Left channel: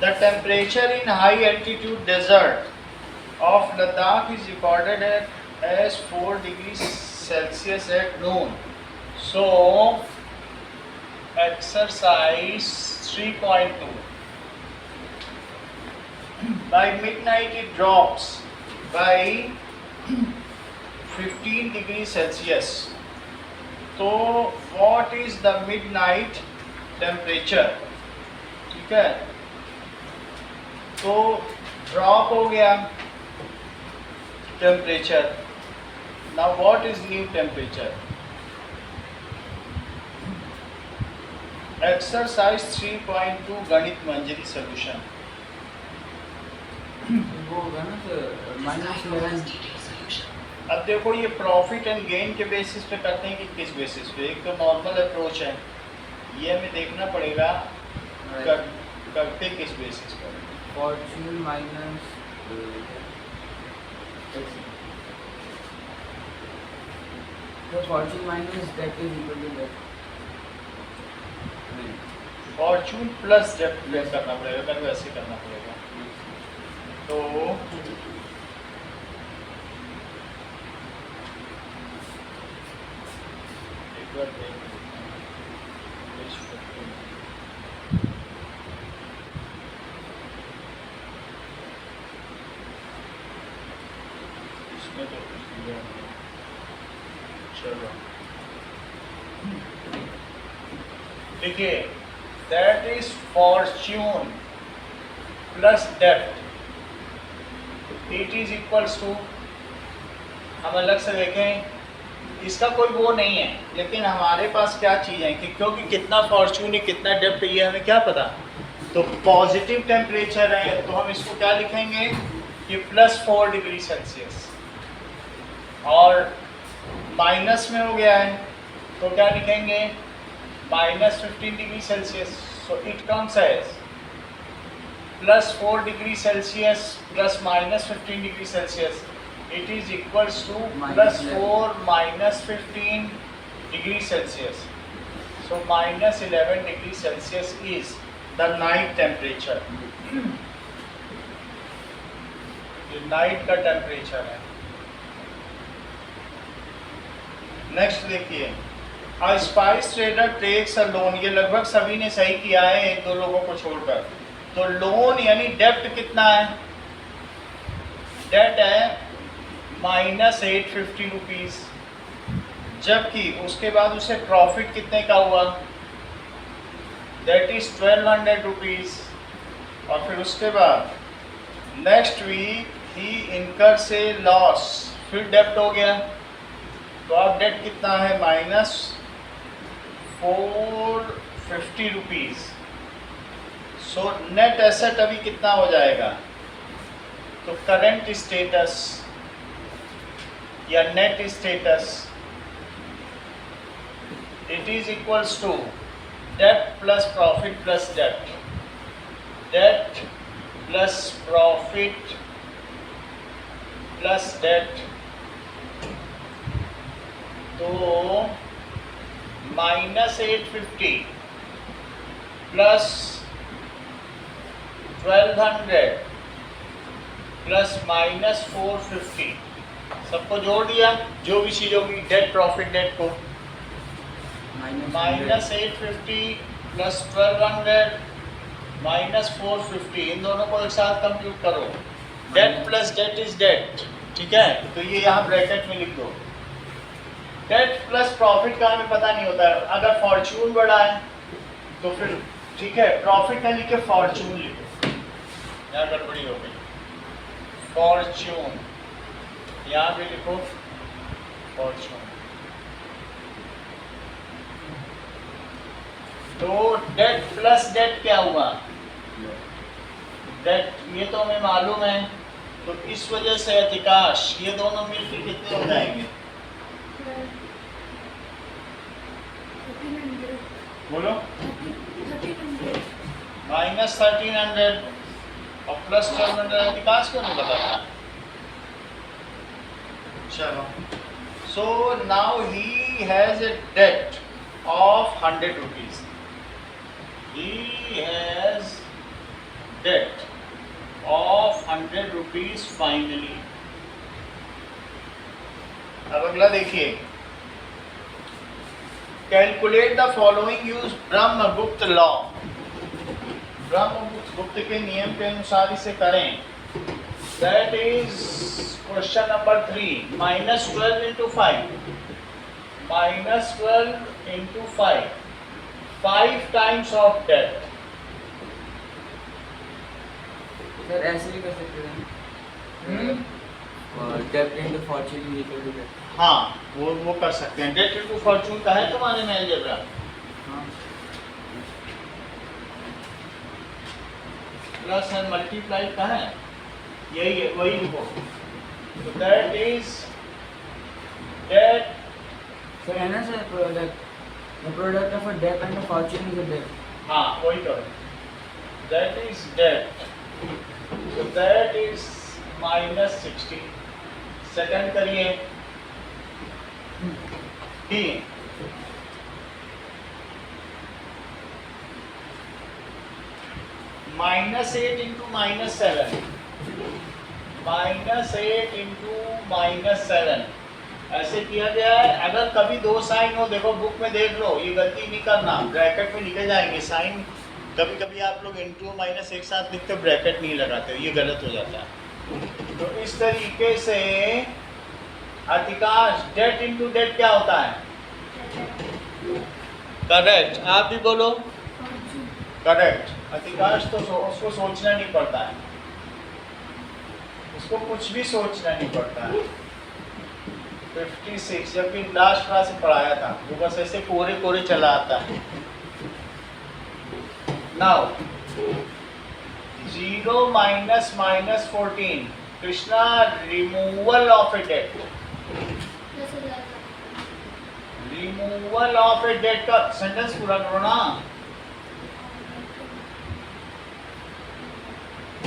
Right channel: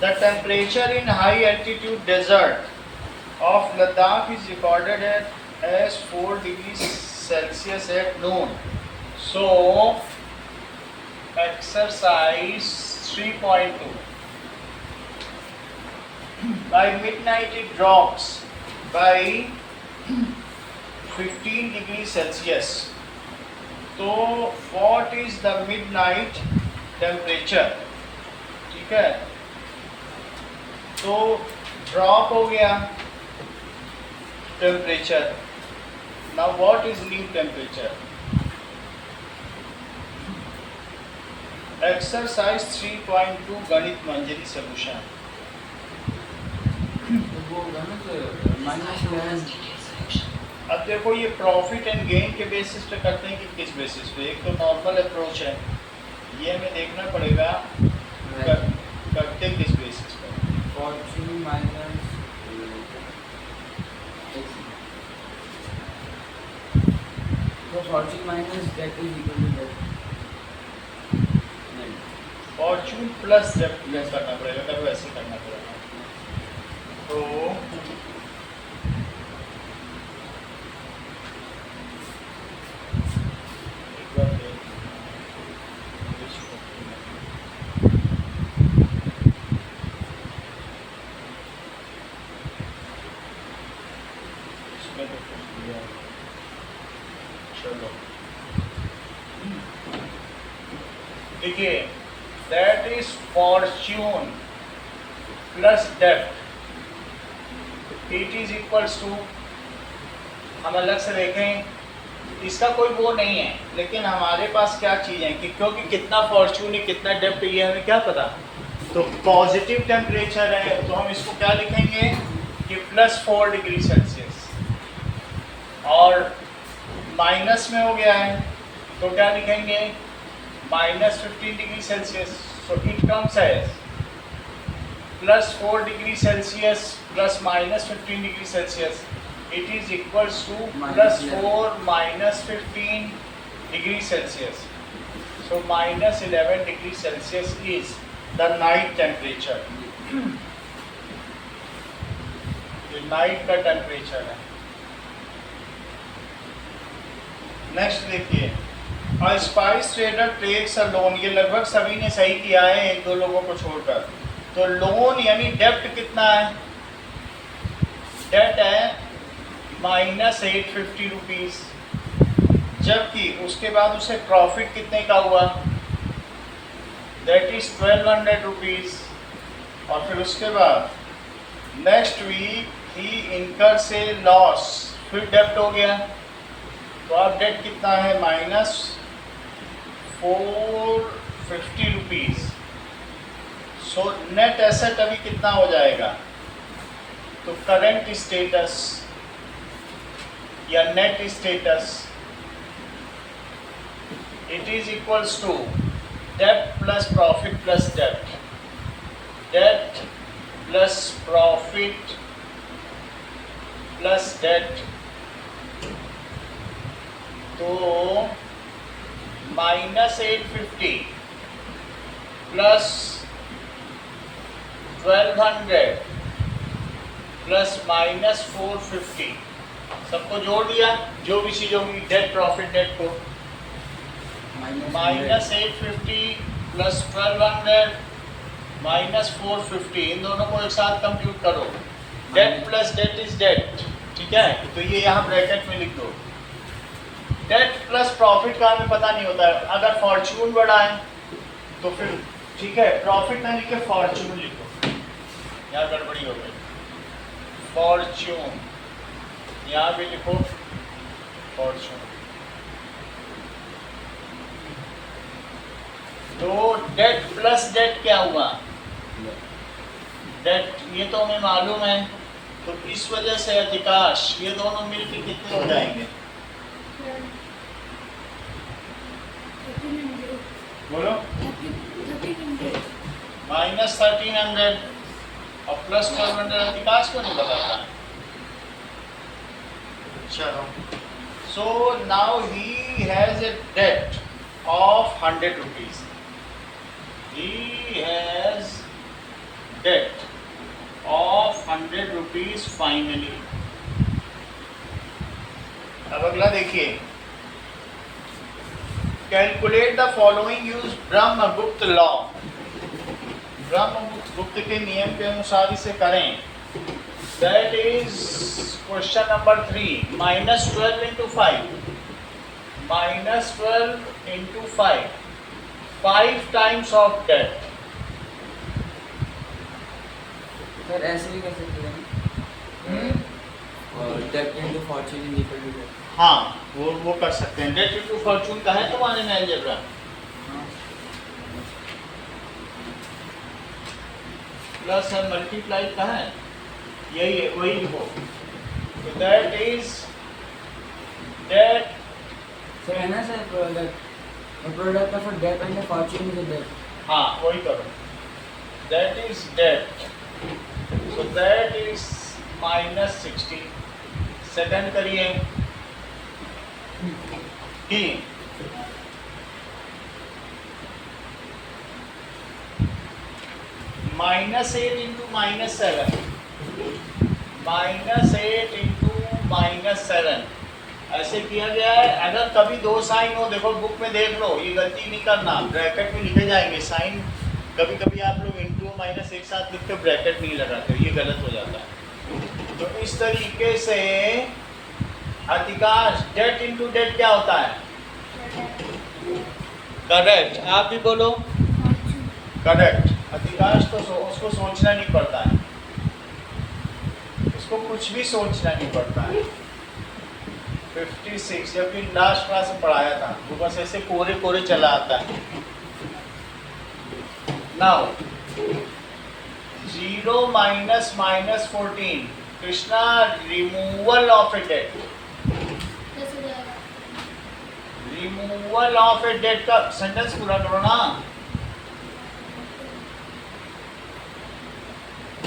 The temperature in high altitude desert of Ladakh is recorded as 4 degrees Celsius at noon. So, exercise 3.2. By midnight it drops by 15 degrees Celsius. तो what is the midnight temperature? ठीक है, तो drop हो गया temperature. Now what is new temperature? Exercise 3.2 गणित मंजरी solution. वो होगा ना तो -11. अब देखो ये प्रॉफिट एंड गेन के बेसिस पे करते हैं कि किस बेसिस पे? एक तो नॉर्मल अप्रोच है, ये हमें देखना पड़ेगा करते किस बेसिस पे. फॉर्च्यून माइनस तो fortune minus that is equal to that. नहीं, फॉर्चून प्लस डेप्थ लेस करना पड़ेगा, अगर वैसे करना पड़ेगा तो एक बार देख इसमें तो कुछ दिया है. चलो देखिए, दैट इज फॉर्च्यून प्लस डेप्थ, इट इज इक्वल्स टू, हम अलग से देखें, इसका कोई वो नहीं है, लेकिन हमारे पास क्या चीज़ है कि क्योंकि कितना फॉर्च्यून है कितना डेप्थ है ये हमें क्या पता. तो पॉजिटिव टेम्परेचर है तो हम इसको क्या लिखेंगे कि +4 डिग्री सेल्सियस, और माइनस में हो गया है तो क्या लिखेंगे -15 degree Celsius. So it comes as +4 degree Celsius plus -15 degree Celsius. It is equals to +4 -15 degree Celsius. So -11 degree Celsius is the night temperature. ये नाइट का टेम्परेचर है. नेक्स्ट देखिए, A spice trader takes a loan. ये लगभग सभी ने सही किया है, एक दो लोगों को छोड़कर. तो लोन यानी डेप्ट कितना है? डेट है -850 रुपीज़, जबकि उसके बाद उसे प्रॉफिट कितने का हुआ? That is 1200 rupees. और फिर उसके बाद नेक्स्ट वीक ही इनकर से लॉस, फिर डेप्ट हो गया. तो अब डेट कितना है? -450 रुपीज़. सो नेट एसेट अभी कितना हो जाएगा? तो करंट स्टेटस या net status, it is equals to debt plus profit plus debt. Debt plus profit plus debt, तो -850 प्लस 1200 प्लस -450, सबको जोड़ दिया, जो भी चीज़ होगी डेट प्रॉफिट नेट को. -850 प्लस 1200 -450, इन दोनों को एक साथ कंप्यूट करो. Debt plus debt is debt. ठीक है, तो ये यहाँ ब्रैकेट में लिख दो. डेट प्लस प्रॉफिट का हमें पता नहीं होता है. अगर फॉर्च्यून बढ़ा है तो फिर ठीक है, प्रॉफिट ना लिखे फॉर्च्यून लिखो, यहाँ गड़बड़ी हो गई. फॉर्च्यून यहाँ भी लिखो फॉर्च्यून. तो डेट प्लस डेट क्या हुआ? डेट ये तो हमें मालूम है, तो इस वजह से अधिकांश ये दोनों मिलके कितने हो जाएंगे? बोलो. -1300 और प्लस 1200 अधिकांश को नहीं बताता. चलो, so now he has a debt of 100 rupees. He has debt of 100 rupees finally. अब अगला देखिए, calculate the following use Brahmagupta law. Brahmagupta के नियम के अनुसार इसे करें। That is question number 3, -12 into 5, -12 into 5, 5 times of debt। Sir ऐसे भी कर सकते हैं, और डेप्ट into fortune is equal to debt. हाँ, वो कर सकते हैं। डेट इनटू फॉर्चून का है तुम्हारे में अलजेब्रा? हाँ, प्लस एंड मल्टीप्लाई का है, यही है, वही लिखो। तो दैट इज डेट। सर है ना sir, product of a debt and a fortune is a debt. हाँ, वही करो। That is debt, so that is -60। Second करिए कि -8 into -7, -8 into -7 ऐसे किया गया है। अगर कभी दो साइन हो, देखो बुक में देख लो, ये गलती नहीं करना, ब्रैकेट में लिखे जाएंगे साइन। कभी कभी आप लोग इंटू माइनस एक साथ लिखते, ब्रैकेट नहीं लगाते, ये गलत हो जाता है। तो इस तरीके से अधिकांश डेट इंटू डेट क्या होता है? करेक्ट, आप भी बोलो करेक्ट। अधिकांश तो उसको सोचना नहीं पड़ता है, उसको कुछ भी सोचना नहीं पड़ता है। 56, जबकि लास्ट क्लास में पढ़ाया था, वो बस ऐसे कोरे कोरे चला आता है। Now 0 - -14, Krishna, removal of a debt. Removal of a debt का सेंटेंस पूरा करो ना।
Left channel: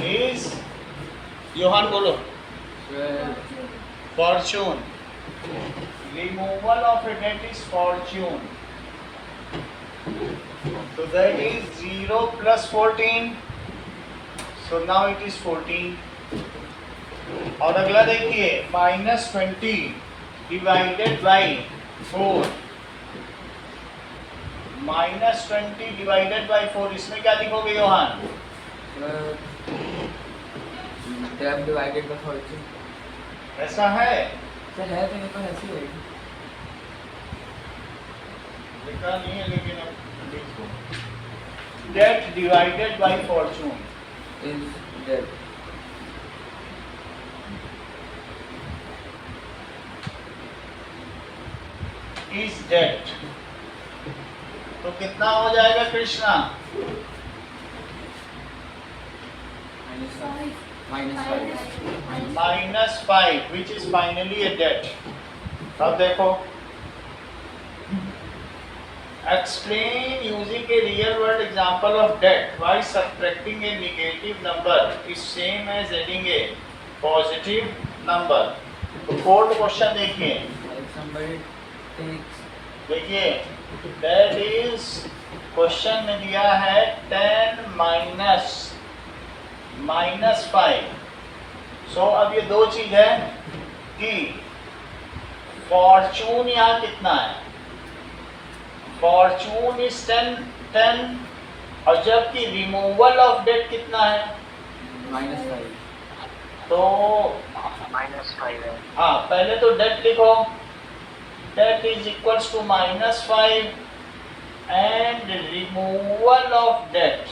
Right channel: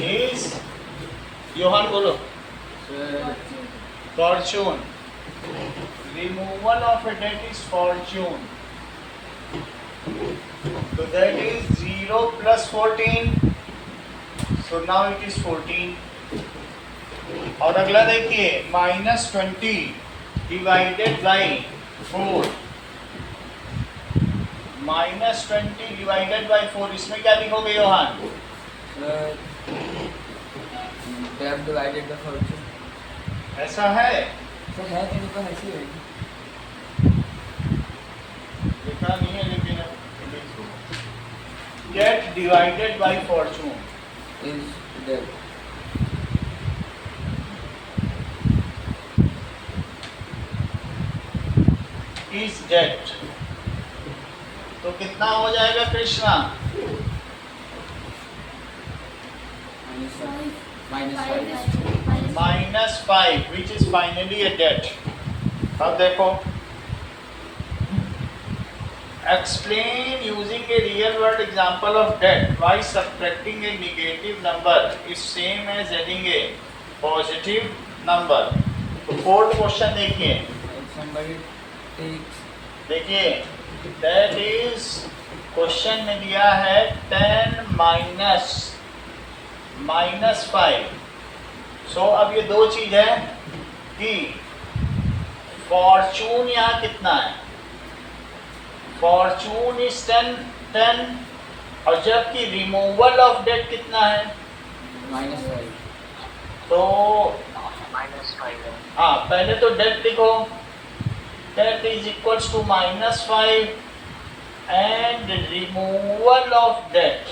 इज, योहान बोलो। Fortune, removal of a debt is fortune. So that is 0 plus 14, so now it is 14। और अगला देखिए, -20 divided by 4, -20 divided by 4, इसमें क्या लिखोगे Yohan? Debt divided by fortune. ऐसा है, सर है तो मेरे पास ऐसे ही है। लिखा नहीं है लेकिन अब लिख दो। Debt divided by fortune is debt. Is debt, तो कितना हो जाएगा Krishna? -5, which is finally a debt। अब देखो, explain using a real world example of debt why subtracting a negative number is same as adding a positive number। तो fourth question देखिए, somebody takes, देखिए that is question में दिया है 10 -5। सो अब ये दो चीज है कि फॉर्चून यहाँ कितना है? फॉर्चून इज 10, और जबकि रिमूवल ऑफ डेट कितना है? -5। तो -5 है। हाँ, पहले तो डेट लिखो, debt is equals to -5 and removal of debt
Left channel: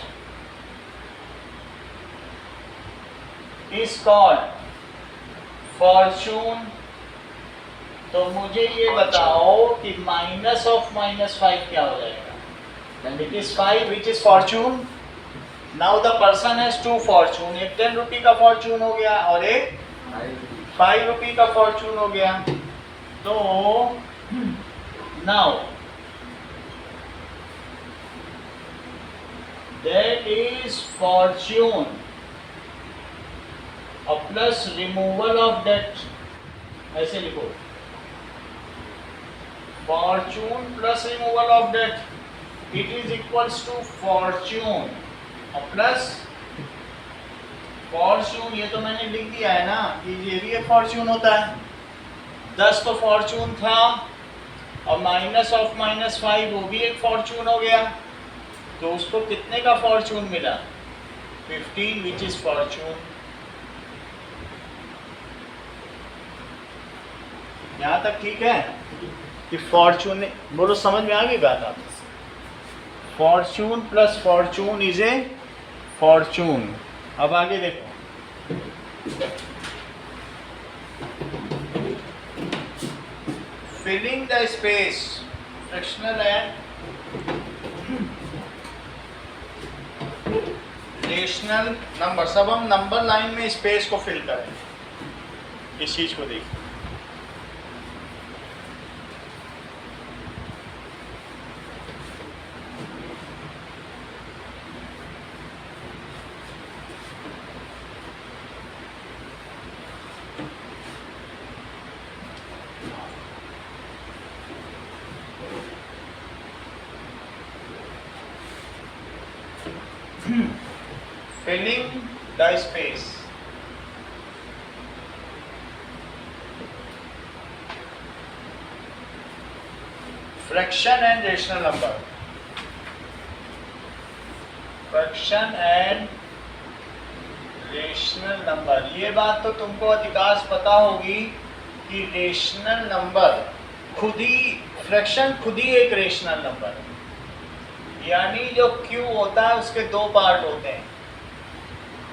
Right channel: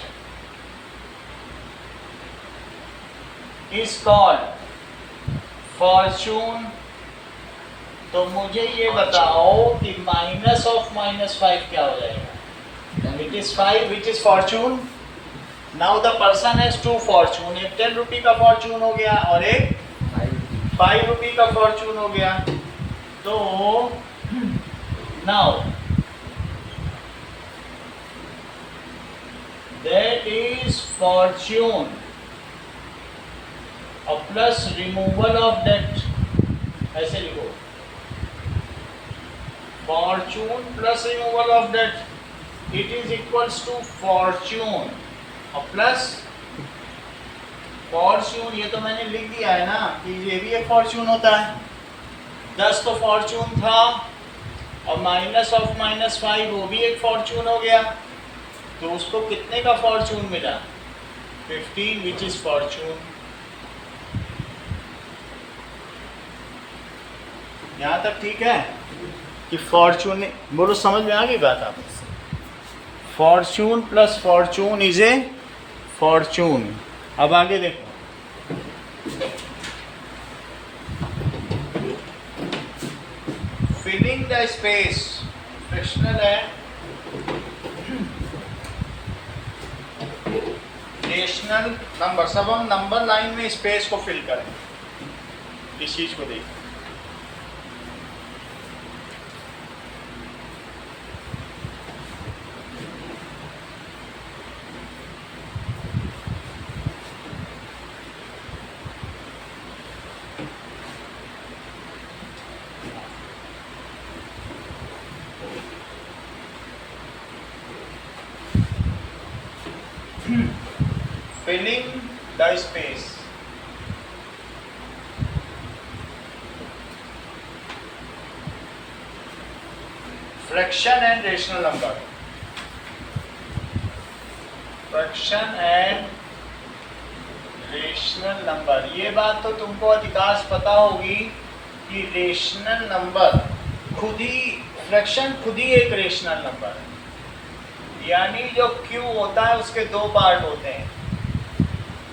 is called fortune. तो मुझे ये बताओ कि माइनस ऑफ -5 क्या हो जाएगा? It is 5 which is Fortune. Now the person has 2 Fortune, एक 10 रुपी का फॉर्चून हो गया और एक 5 रुपी का फॉर्चून हो गया। तो नाउ दैट इज फॉर्चून और प्लस रिमूवल ऑफ डेट, ऐसे लिखो fortune plus removal of debt, it is equals to fortune और प्लस फॉर्चून, ये तो मैंने लिख दिया है ना कि ये भी एक फॉर्चून होता है। 10 तो फॉर्चून था और माइनस ऑफ -5 वो भी एक फॉर्चून हो गया, तो उसको कितने का फॉर्चून मिला? 15, विच इज फॉर्चून। यहाँ तक ठीक है कि फॉर्चून, बोलो समझ में आ गई बात आप? Fortune plus Fortune is a Fortune. अब आगे देखो, फिलिंग द स्पेस, फ्रिक्शनल है, रेशनल नंबर, सब हम नंबर लाइन में स्पेस को फिल करें। इस चीज को देखो, filling the space, fraction and rational number, fraction and rational number. ये बात तो तुमको अधिकांश पता होगी कि रेशनल नंबर खुद ही, फ्रैक्शन खुद ही एक रेशनल नंबर है, यानी जो Q होता है उसके दो पार्ट होते हैं,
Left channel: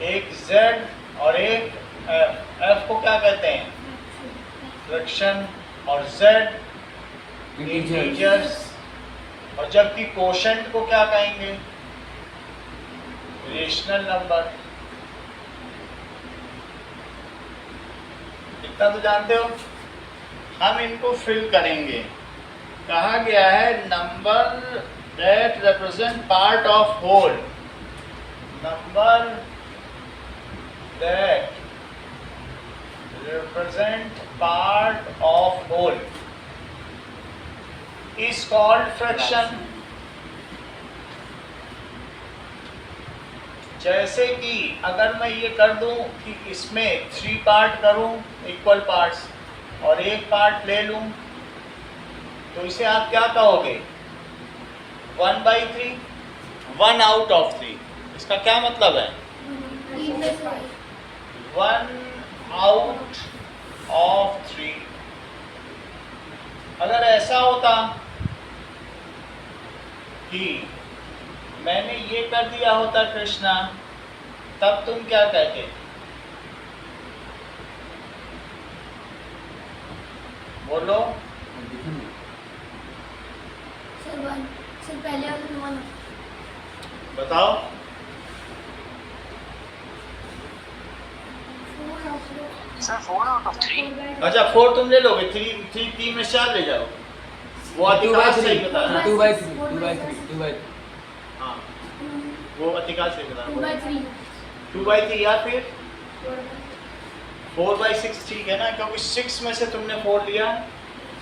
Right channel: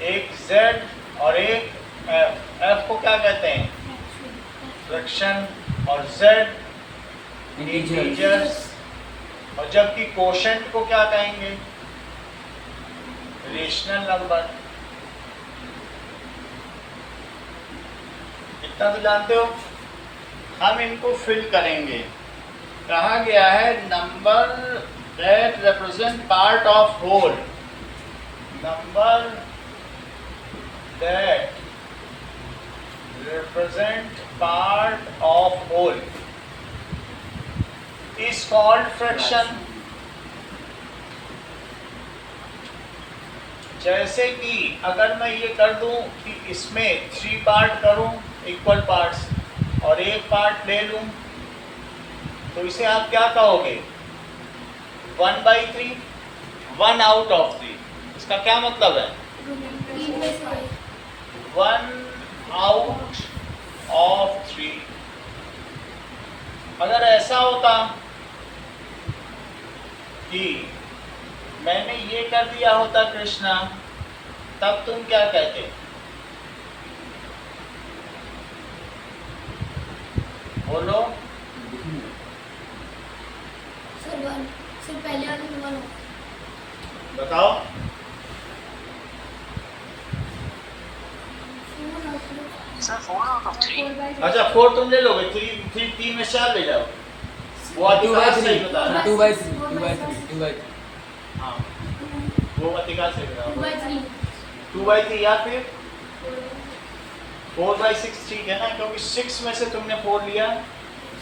एक Z और एक F। F को क्या कहते हैं? फ्रैक्शन, और Z इंटीजर्स, और जबकि कोशेंट को क्या कहेंगे? Rational number. इतना तो जानते हो। हम इनको फिल करेंगे। कहा गया है number that represent part of whole, number that represent part of whole is called fraction। जैसे कि अगर मैं ये कर दूं कि इसमें 3 पार्ट करूं इक्वल पार्ट्स और एक पार्ट ले लूं, तो इसे आप क्या कहोगे? 1/3, 1 आउट ऑफ 3। इसका क्या मतलब है? 1 आउट ऑफ 3। अगर ऐसा होता कि मैंने ये कर दिया होता कृष्णा, तब तुम क्या कहते? बोलो। सर 1, सर पहले वाले 1 बताओ। Sir, 4 out of 3. अच्छा 4 तुम ले लोगे, 3 में 4 ले जाओ। वो 2 by अधिकांश 3, सही बता रहा है। 2 by 3, 2 by 3, 2 by 3। हाँ, वो अधिकांश सही बता 2 रहा by है। 3, 2/3 या फिर 4/6 ठीक है ना, क्योंकि 6 में से तुमने 4 लिया।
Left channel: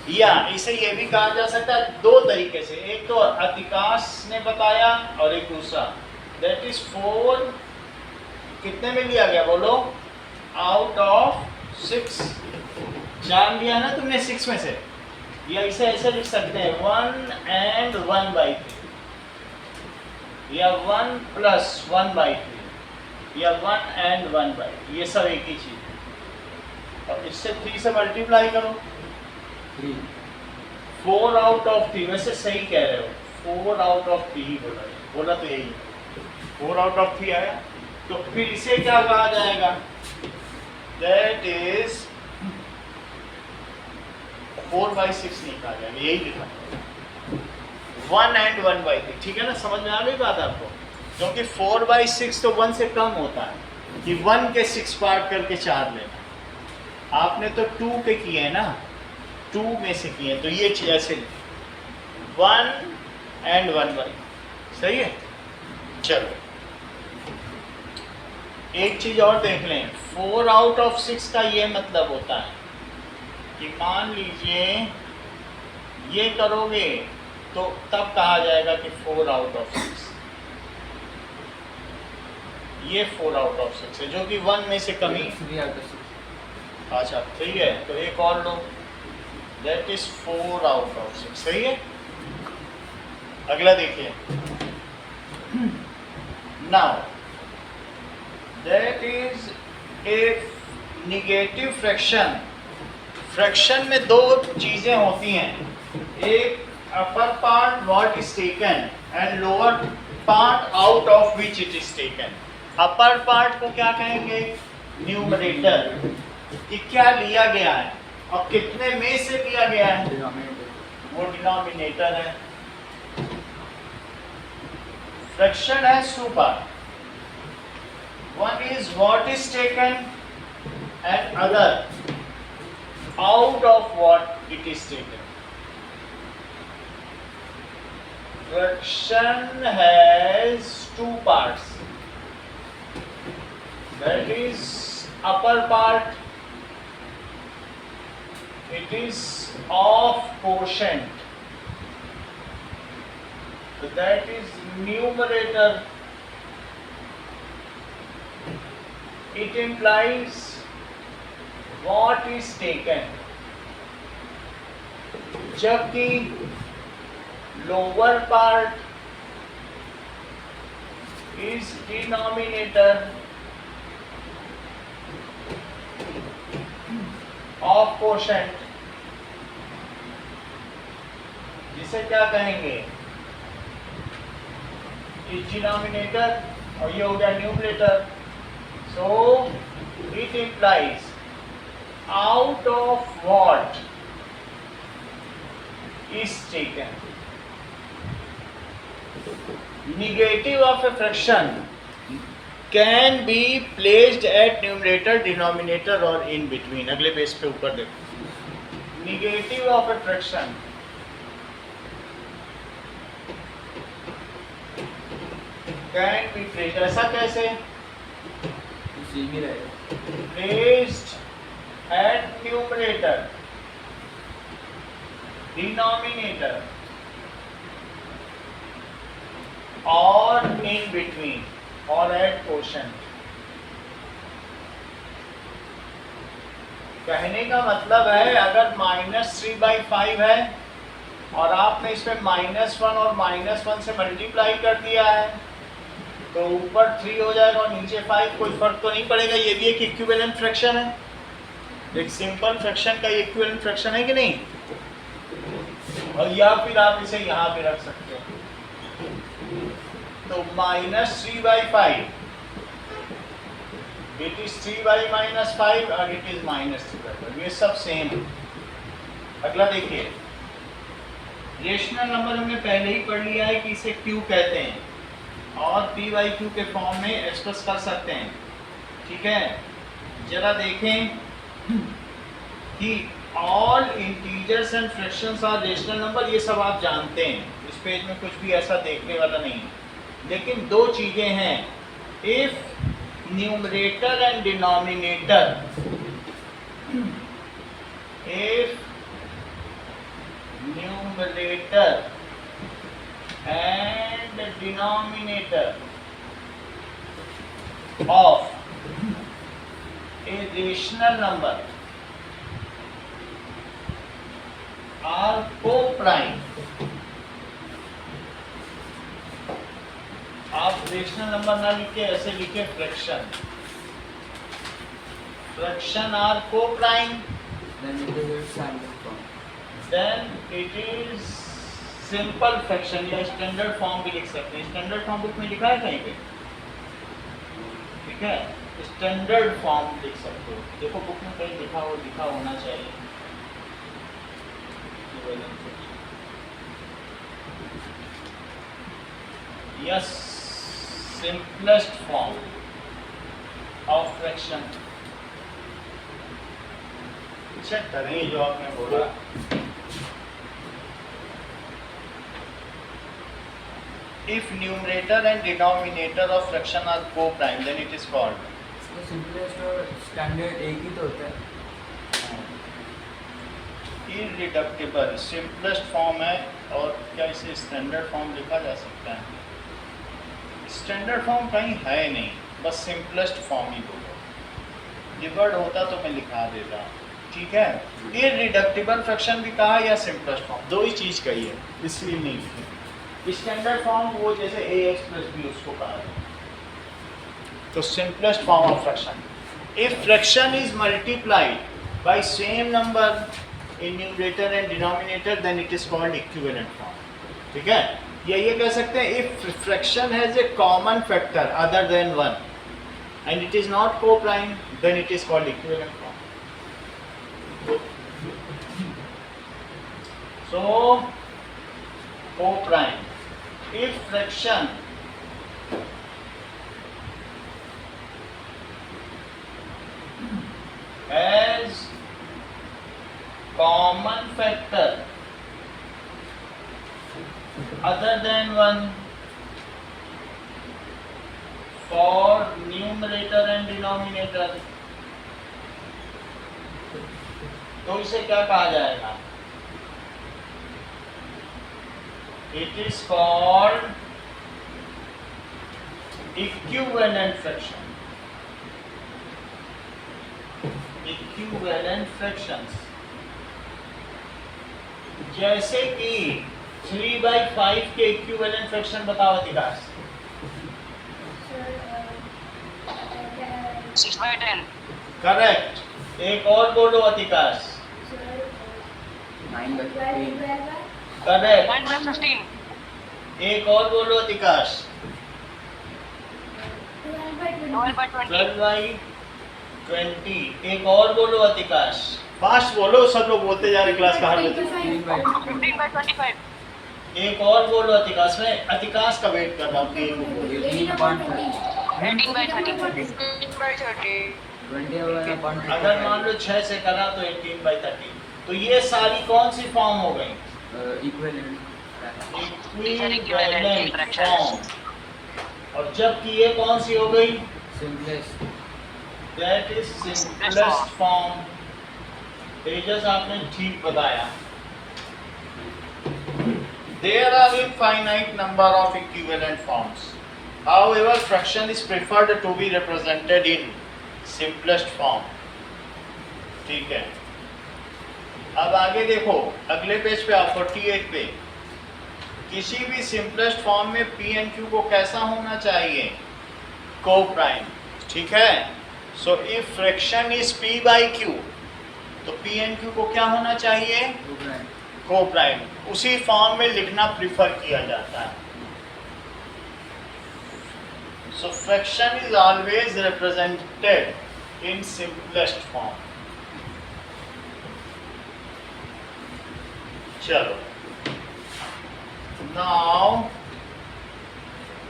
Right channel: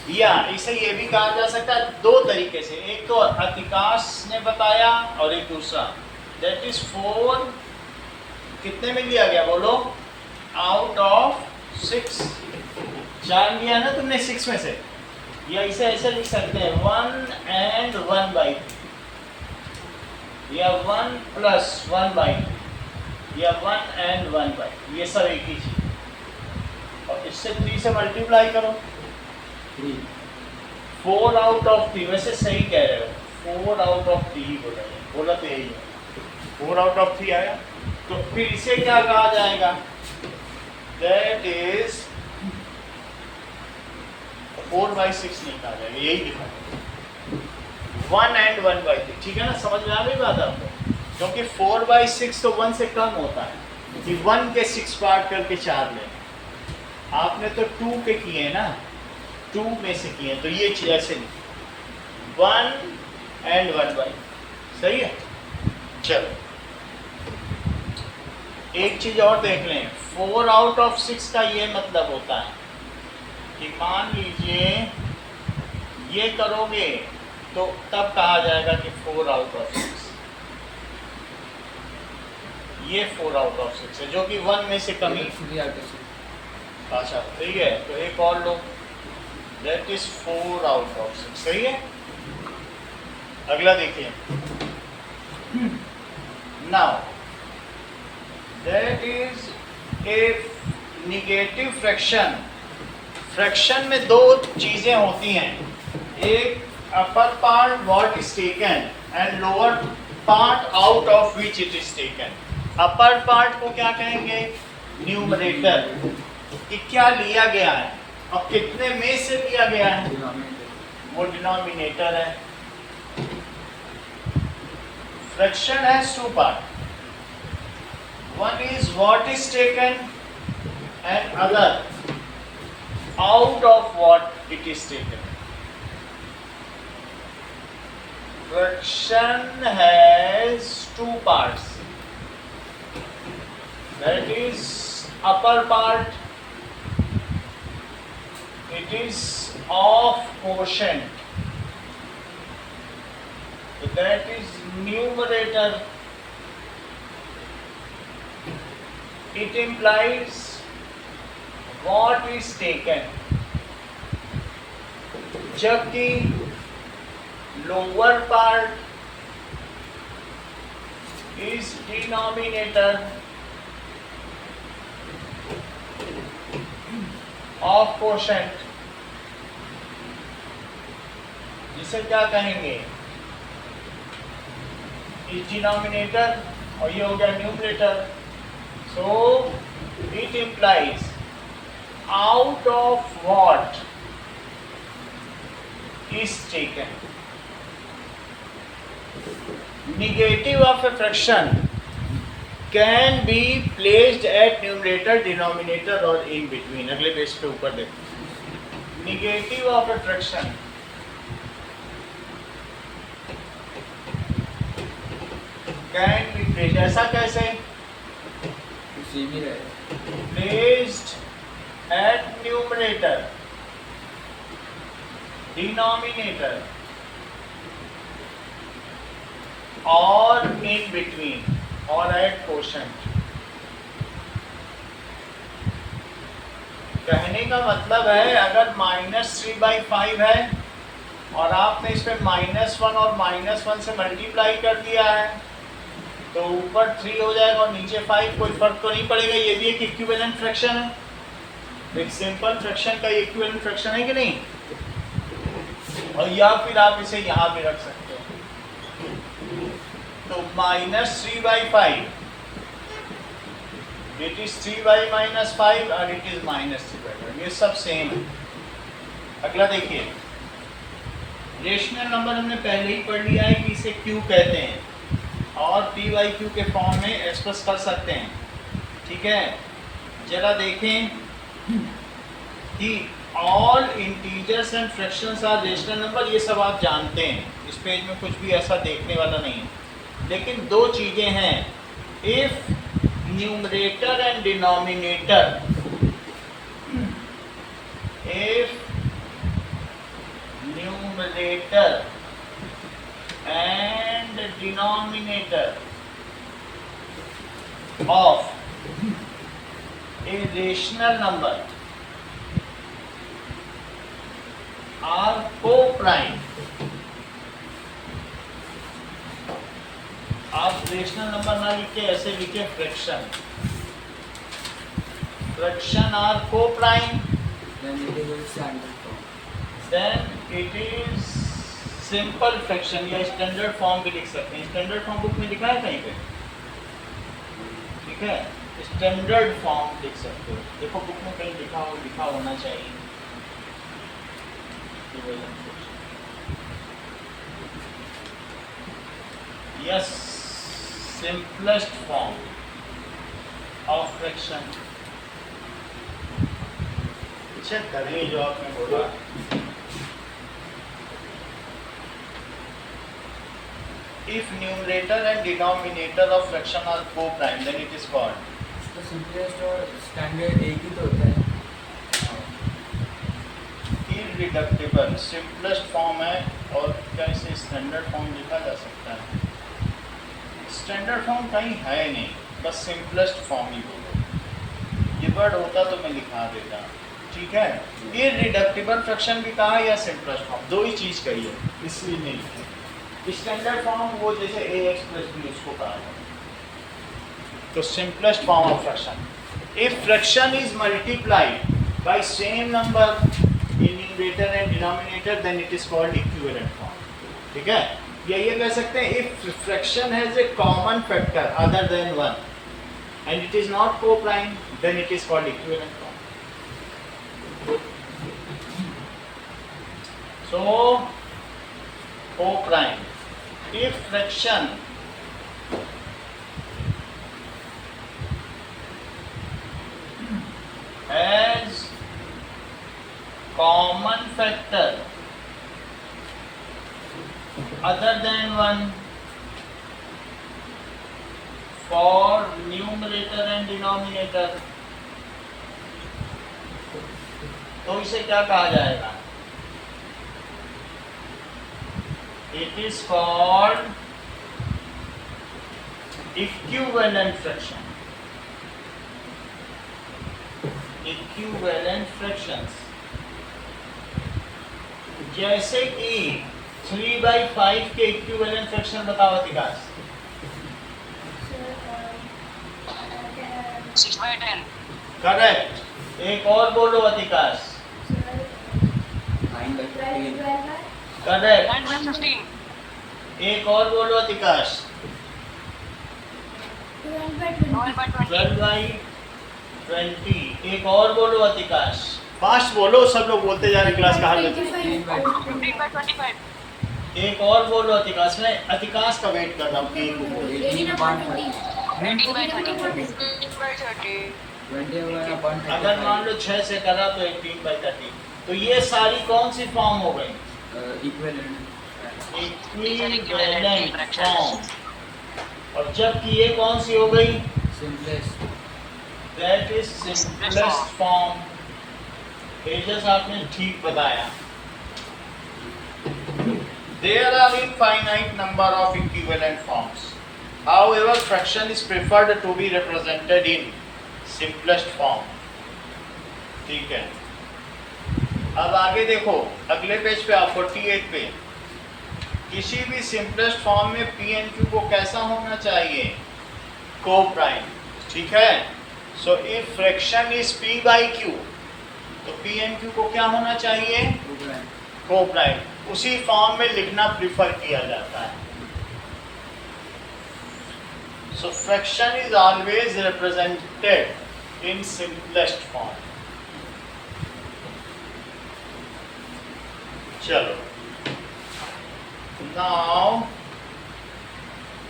या इसे ये भी कहा जा सकता है 2 तरीके से, एक तो अतिकाश ने बताया और एक दूसरा, दैट इज 4 कितने में लिया गया? बोलो। Out of 6। 4 लिया ना तुमने 6 में से। या इसे ऐसे लिख सकते हैं 1 and 1/3, या 1 plus 1/3, या 1 and 1/3, ये सब एक ही चीज। और इससे 3 से मल्टीप्लाई करो। 3 4 आउट ऑफ 3, वैसे सही कह रहे हो, 4 आउट ऑफ 3 ही बोला तो यही है। 4 आउट ऑफ 3 आया, तो फिर इसे क्या कहा जाएगा? दैट इज 4/6 नहीं कहा जाएगा, यही लिखा है 1 and 1/3। ठीक है ना, समझ में आ गई बात आपको? क्योंकि 4/6 तो 1 से कम होता है कि 1 के 6 पार्ट करके 4 लेना। आपने तो 2 के किए ना, 2 में से किए, तो ये चीज ऐसे 1 and 1/3 सही है। चलो एक चीज और देख लें, 4 आउट ऑफ 6 का ये मतलब होता है कि मान लीजिए ये करोगे तो तब कहा जाएगा कि 4 आउट ऑफ 6, ये 4 आउट ऑफ 6 है, जो कि 1 में से कमी। 3 out of 6. अच्छा 3 है, तो एक और लो, दैट इज 4 आउट ऑफ 6, सही है। अगला देखिए, now that is a negative fraction. Fraction में दो चीजें होती हैं, एक upper part what is taken and lower part out of which it is taken. Upper part को क्या कहेंगे, न्यूमरेटर, कि क्या लिया गया है और कितने में से लिया गया है, Denominator. वो डिनोमिनेटर है। Fraction has two part, one is what is taken and other out of what it is taken. Fraction has two parts. That is upper part. It is of quotient. So that is numerator. It implies what is taken, जबकि lower part is denominator of quotient, जिसे क्या कहेंगे, is denominator और ये हो गया numerator. So it implies out of what is taken. Negative of a fraction can be placed at numerator, denominator or in between. अगले page पे ऊपर देखो, negative of a fraction can be placed, ऐसा कैसे, तो सेम ही रहेगा. placed at numerator, denominator or in between or at quotient. कहने का मतलब है अगर -3/5 है और आपने इस पे -1 और -1 से मल्टीप्लाई कर दिया है तो ऊपर 3 हो जाएगा और नीचे 5, कोई फर्क तो नहीं पड़ेगा। ये भी एक इक्विवेलेंट फ्रैक्शन है, एक सिंपल फ्रैक्शन का इक्विवेलेंट फ्रैक्शन है कि नहीं। और या फिर आप इसे यहाँ भी रख सकते हैं, तो -3/5 इट इज 3/-5 और इट इज -3/5, ये सब सेम है। अगला देखिए, रेशनल नंबर हमने पहले ही पढ़ लिया है कि इसे Q कहते हैं और P/Q के फॉर्म में एक्सप्रेस कर सकते हैं, ठीक है। जरा देखें कि all integers and fractions are rational number, ये सब आप जानते हैं, इस पेज में कुछ भी ऐसा देखने वाला नहीं है। लेकिन दो चीज़ें हैं, if numerator and denominator, if numerator and denominator of a rational number are co-prime, आप रेशनल नंबर ना लिखे, ऐसे लिखे fraction, fraction are co-prime, Then it is a standard form. then it is simple fraction या standard form भी लिख सकते हैं। स्टैंडर्ड फॉर्म बुक में लिखा है कहीं पे, ठीक है, स्टैंडर्ड फॉर्म लिख सकते हो। देखो बुक में कहीं लिखा होना चाहिए। Yes, simplest form of fraction. Check करें जो आपने बोला। If numerator and denominator of fraction are co-prime, then it is called तो सिंपलेस्ट और स्टैंडर्ड एक ही तो होता है. इररिडक्टिबल सिंपलेस्ट फॉर्म है, और क्या इसे स्टैंडर्ड फॉर्म लिखा जा सकता है? स्टैंडर्ड फॉर्म कहीं है नहीं, बस सिंपलेस्ट फॉर्म ही बोलो। ये वर्ड होता तो मैं लिखा देता, ठीक है। इररिडक्टिबल फ्रैक्शन भी कहा या सिंपलेस्ट फॉर्म, दो ही चीज़ कही है, इसलिए नहीं लिखी। स्टैंडर्ड फॉर्म वो जैसे ax प्लस b उसको कहा है, तो simplest form of fraction. If fraction is multiplied by same number in numerator and denominator then it is called equivalent form, ठीक है। या ये कह सकते हैं if fraction has a common factor other than 1 and it is not coprime then it is called equivalent form. So, co-prime. If fraction has common factor other than 1 for numerator and denominator, तो इसे क्या कहा जाएगा? It is called equivalent fraction. Equivalent fractions. जैसे कि 3/5 के equivalent fraction बताओ अधिकाश। Sir 6/10. Correct. एक और बोलो अधिकाश। 9/15. करेक्ट। 9/15. एक और बोलो अधिकाश। 12/20. 12/20। एक और बोलो अधिकाश। फास्ट बोलो, सब लोग बोलते जा रहे क्लास का हाल। 15/25. एक और बोलो अधिकाश। मैं अधिकाश का वेट कर रहा हूँ कि एक वो बोले। 18/30. 20 होगा ना 135. अगर मान लो 6 से करा तो 18/30। तो ये सारी कौन सी फॉर्म हो गई? Equivalent equivalent form. और जबकि ये कौन सी हो गई? Simplest. That is simplest form. Tejas आपने ठीक बताया। There are infinite number of equivalent forms. However, fraction is preferred to be represented in simplest form. ठीक है। अब आगे देखो, अगले पेज पे आप 48 पे, किसी भी सिंपलेस्ट फॉर्म में पी एंड क्यू को कैसा होना चाहिए? को-प्राइम, ठीक है। So if fraction is P by Q, तो पी एंड क्यू को क्या होना चाहिए? को-प्राइम। उसी फॉर्म में लिखना प्रिफर किया जाता है। So fraction is always represented in simplest form. चलो नाउ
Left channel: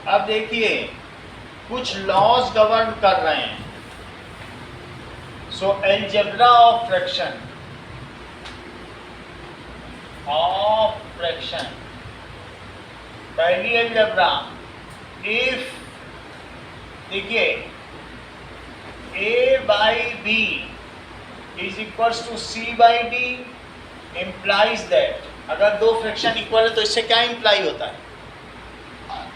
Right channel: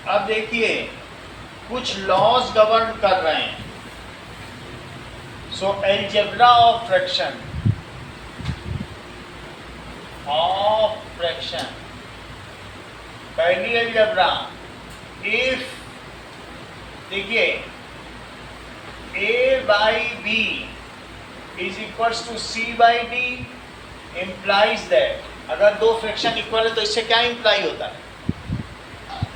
अब देखिए कुछ लॉज गवर्न कर रहे हैं। सो अलजेब्रा ऑफ फ्रैक्शन पहली अलजेब्रा, इफ देखिए a by b is equals to c by d implies that, अगर दो फ्रैक्शन इक्वल है तो इससे क्या इंप्लाई होता है?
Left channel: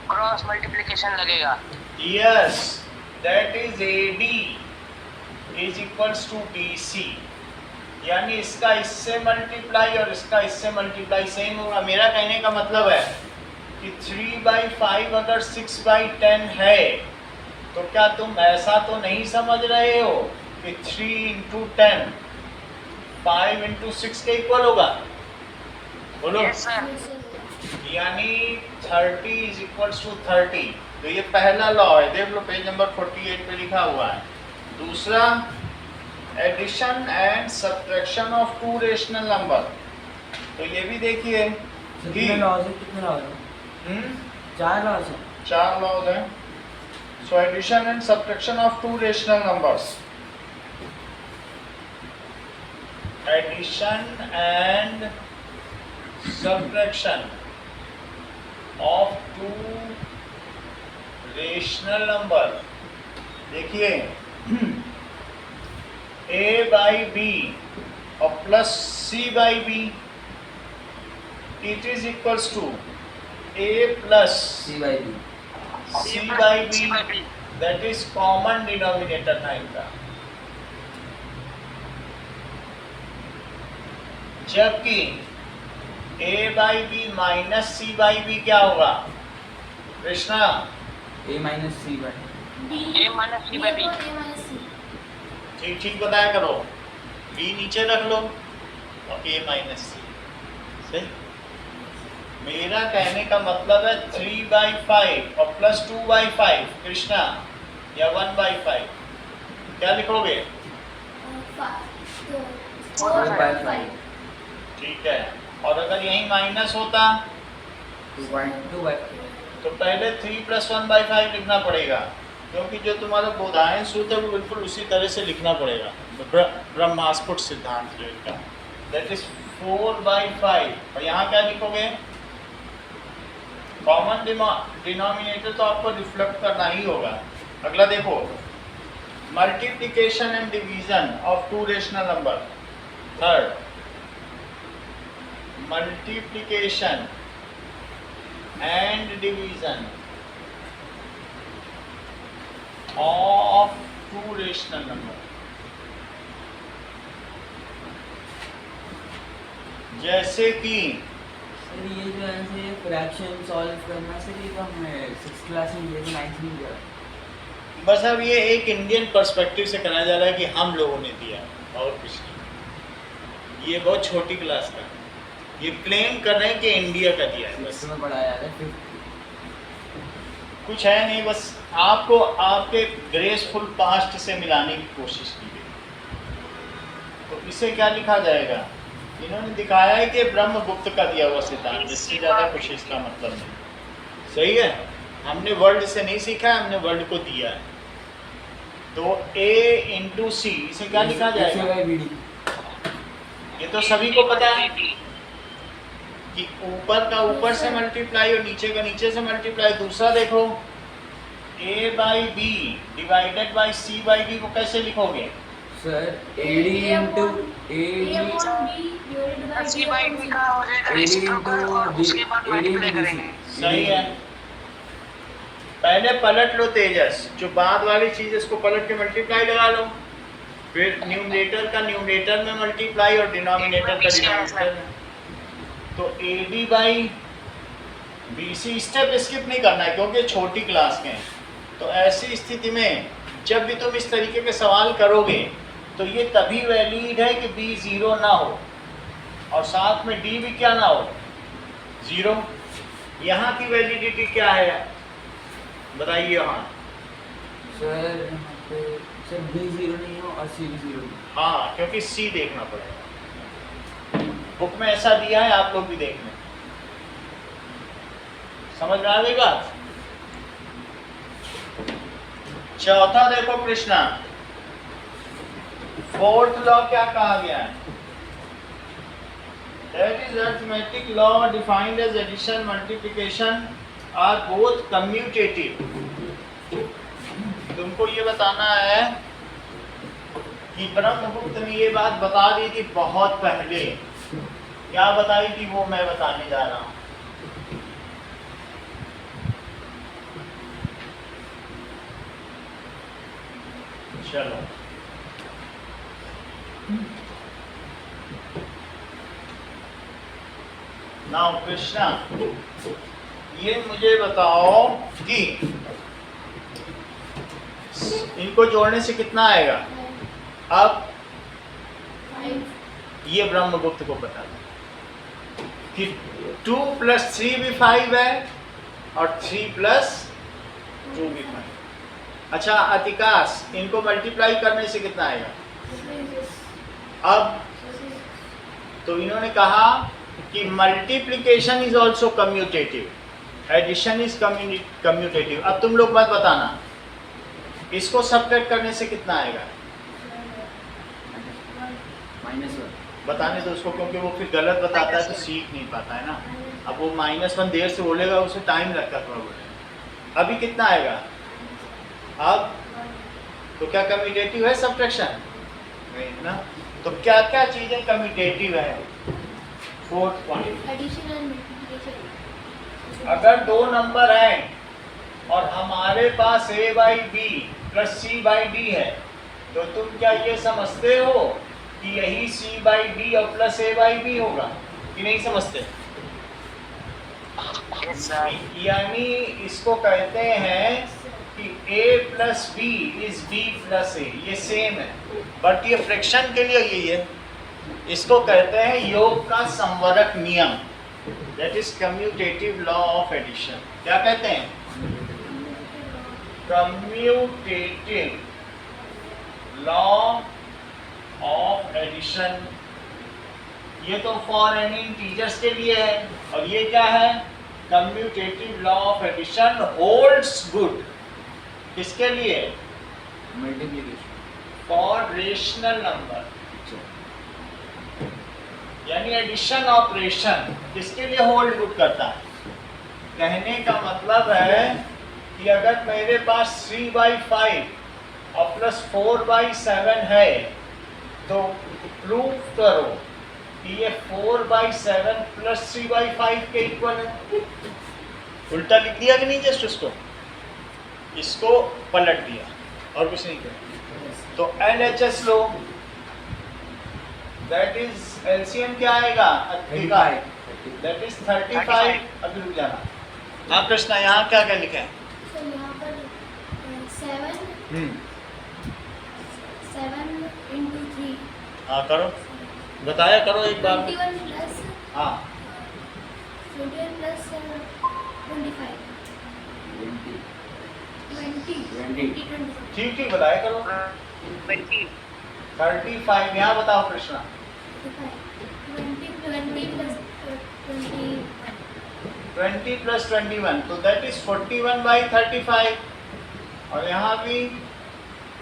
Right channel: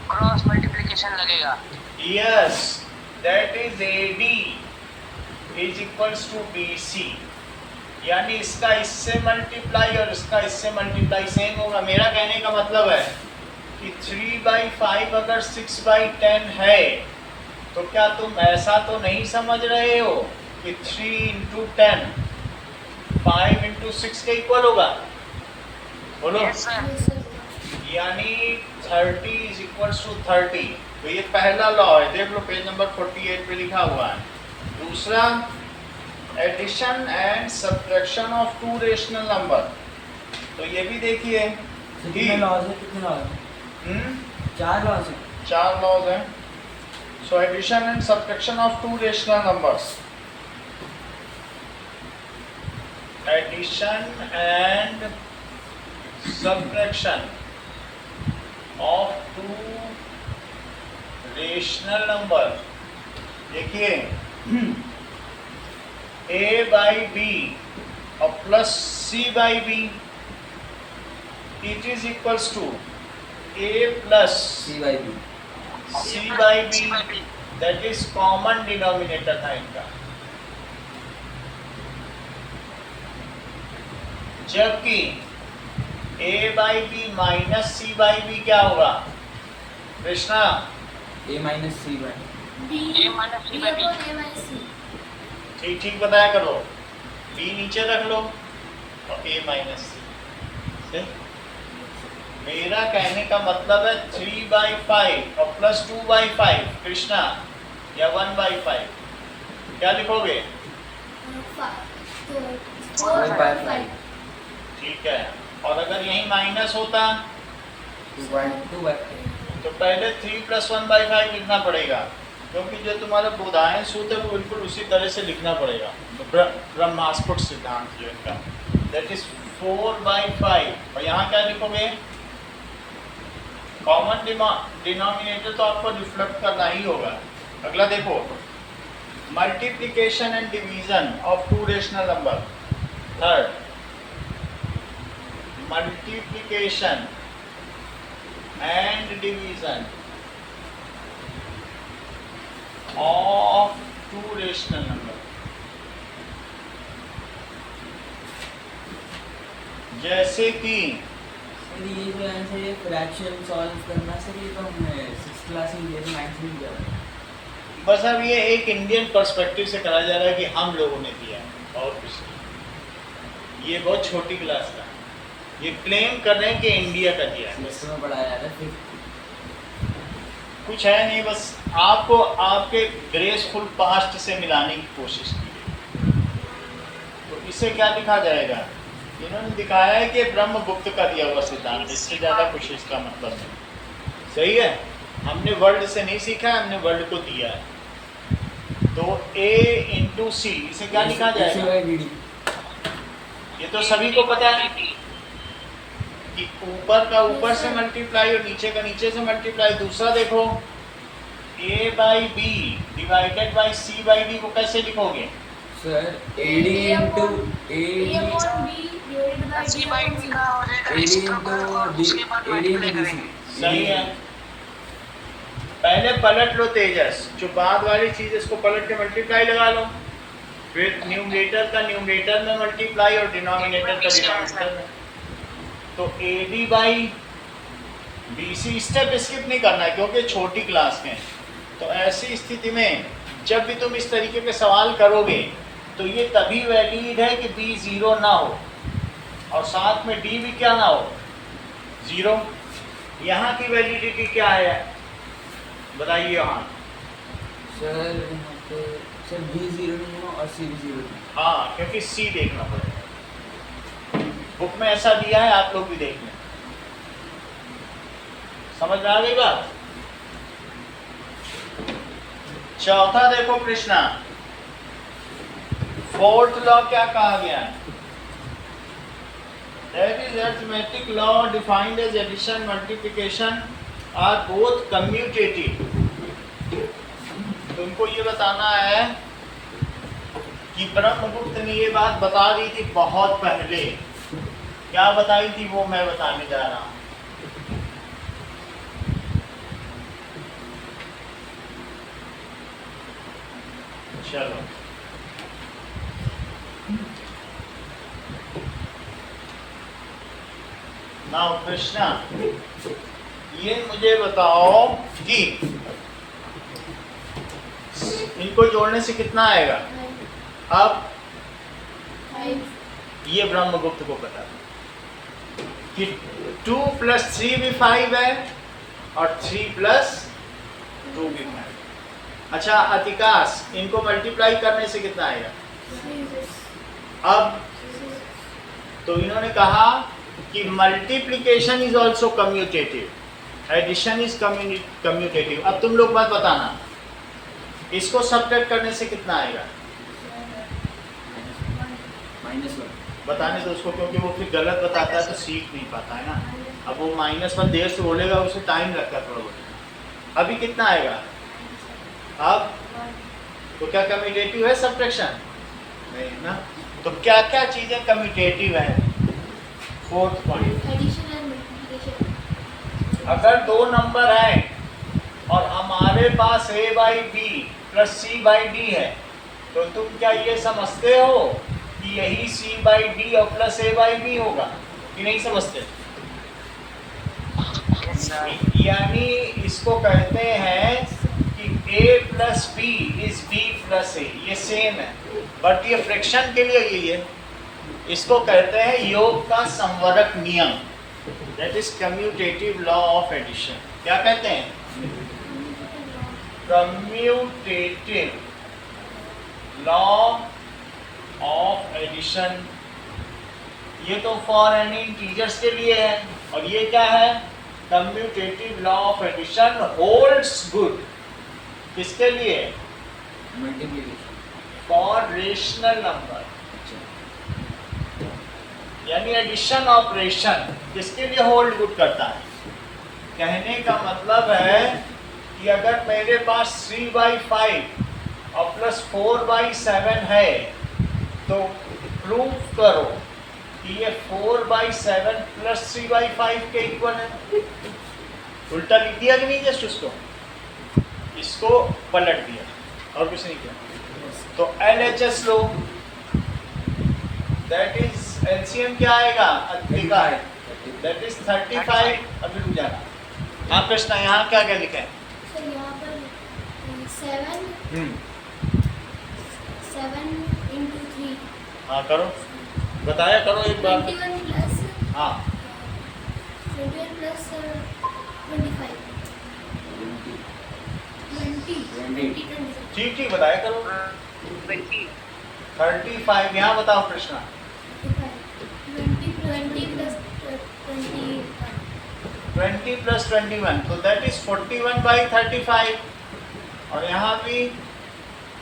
क्रॉस मल्टीप्लिकेशन लगेगा। Yes, that is AD is equals to BC, यानी इसका इससे मल्टीप्लाई और इसका इससे मल्टीप्लाई सेम होगा। मेरा कहने का मतलब है कि 3/5 अगर 6/10 है तो क्या तुम ऐसा तो नहीं समझ रहे हो कि 3 × 10 5 × 6 के इक्वल होगा? बोलो। Yes, sir. यानी 30 is equals to 30। तो ये पहला लॉ है, देख लो पेज नंबर 48 पे लिखा हुआ है। दूसरा, addition and subtraction of two rational number, तो ये भी देखिए कितने लॉज है? कितने लॉज है? 4 लॉज है। 4 लॉज हैं। So addition and subtraction of two rational numbers, addition and subtraction of two rational number, देखिए a by b और plus c by b, it is equals to a plus C by B. c by B, that is common denominator था इनका। जबकि a by B minus C by B क्या होगा Krishna? A minus C by. B A minus C B by B. upon A minus C. ठीक ठीक बताया करो, b नीचे रख लो और a माइनस सी। मेरा कहने का मतलब है 3/5 और प्लस 2/5 कृष्णा, या 1/5 क्या लिखोगे? 4 by 5. ठीक है, और अगर यही माइनस होता 2.2 by. तो पहले 3 + 1/5 लिखना पड़ेगा, क्योंकि जो तुम्हारा बोधायन सूत्र है वो बिल्कुल उसी तरह से लिखना पड़ेगा, ब्रह्मास्फुट सिद्धांत जो इनका, दैट इज 4/5। और यहाँ क्या लिखोगे? कॉमन डिनोमिनेटर तो आपको रिफ्लेक्ट करना ही होगा। अगला देखो, multiplication and division of two rational number. Third, multiplication and division of two rational number. जैसे कि सर ये जो आंसर ये फ्रैक्शन सॉल्व करना सर, ये तो हमें 6th क्लास में दिया था, 9th में दिया था। बस अब ये एक इंडियन पर्सपेक्टिव से कराया जा रहा है कि हम लोगों ने दिया है और कुछ नहीं। ये बहुत छोटी क्लास का, ये क्लेम कर रहे हैं कि इंडिया का दिया है, 6th बस में पढ़ाया जा रहा है, 5th कुछ है नहीं। बस आपको आपके ग्रेसफुल पास्ट से मिलाने की कोशिश की गई। तो इसे क्या लिखा जाएगा? इन्होंने दिखाया है कि ब्रह्मगुप्त का दिया हुआ सिद्धांत, इससे ज़्यादा कुछ इसका मतलब नहीं। सही है, हमने वर्ल्ड से नहीं सीखा है, हमने वर्ल्ड को दिया है। तो a इंटू सी, इसे क्या लिखा जाएगा? ये तो सभी को पता है कि ऊपर का ऊपर से मल्टीप्लाई और नीचे का नीचे से मल्टीप्लाई। दूसरा देखो, a by B divided by C by B को कैसे लिखोगे? Sir AD into A upon B divided by C D by upon B C. का हो जाएगा AD reciprocal और into उसके बाद AD into multiply BC. करेंगे। सही है। पहले पलट लो तेजस, जो बाद वाली चीज इसको पलट के मल्टीप्लाई लगा लो, फिर न्यूमरेटर का न्यूमरेटर में मल्टीप्लाई और डिनोमिनेटर का डिनोमिनेटर में। तो AD by BC step skip नहीं करना है क्योंकि छोटी क्लास में। तो ऐसी स्थिति में जब भी तुम इस तरीके के सवाल करोगे तो ये तभी वैलिड है कि B 0 ना हो और साथ में D भी क्या ना हो, 0। यहाँ की वैलिडिटी क्या है बताइए? यहाँ सर यहाँ पे सर B 0 नहीं हो और C भी 0 नहीं। हाँ, क्योंकि C देखना पड़ेगा, बुक में ऐसा दिया है, आप लोग भी देख लें। समझ में आ गई बात? चौथा देखो कृष्णा, फोर्थ लॉ क्या कहा गया? That is arithmetic law defined as addition multiplication are both commutative. तुमको ये बताना है कि ब्रह्मगुप्त ने ये बात बता दी थी बहुत पहले। क्या बताई थी वो मैं बताने जा रहा हूं। चलो, नाउ कृष्णा ये मुझे बताओ कि इनको जोड़ने से कितना आएगा? अब 5 ये ब्रह्मगुप्त को पता था कि 2 + 3 भी 5 है और 3 + 2 भी 5। अच्छा अतिकाश, इनको मल्टीप्लाई करने से कितना आएगा? अब तो इन्होंने कहा कि multiplication is also commutative, addition is commutative. अब तुम लोग मत बताना, इसको सब्ट्रैक्ट करने से कितना आएगा? -1 बताने दो उसको, क्योंकि वो फिर गलत बताता है तो सीख नहीं पाता है ना। अब वो -1 देर से बोलेगा, उसे टाइम लगता है थोड़ा बोलने। अभी कितना आएगा? अब तो क्या कम्यूटेटिव है सब्ट्रैक्शन? नहीं ना। तो क्या क्या चीजें कम्यूटेटिव है? फोर्थ पॉइंट, एडिशन एंड अगर दो नंबर हैं और हमारे पास a by B plus c by D है, तो तुम क्या ये समझते हो कि यही c बाई डी और प्लस a बाई बी होगा कि नहीं समझते? Yes, sir. यानी इसको कहते हैं कि a plus B is b plus a, ये सेम है, बट ये फ्रैक्शन के लिए यही है। इसको कहते हैं योग का संवरक नियम, that is commutative law of addition. क्या कहते हैं? Commutative law of addition. ये तो फॉर एनी इंटीजर्स के लिए है, और ये क्या है? Commutative law of addition holds good किसके लिए? Multiplication for rational number. यानी एडिशन ऑपरेशन किसके लिए होल्ड गुड करता है? कहने का मतलब है कि अगर मेरे पास 3/5 और प्लस 4/7 है, तो प्रूव करो कि ये 4/7 प्लस 3/5 के इक्वल है। उल्टा लिख दिया कि नहीं? जस्ट इसको पलट दिया और कुछ नहीं किया। तो LHS low, that is LCM क्या आएगा? That is 35। अभी रुक जाना। हाँ कृष्णा, यहाँ क्या क्या लिखा है? सर यहाँ पर 7 into 3 हाँ करो, बताया करो एक बार। 21 plus हाँ 21 plus 25 20 ठीक ठीक बताया करो। 20. 35 यहाँ बताओ कृष्णा। 20 plus 21 20 प्लस 21, तो दैट इज 41/35, और यहाँ भी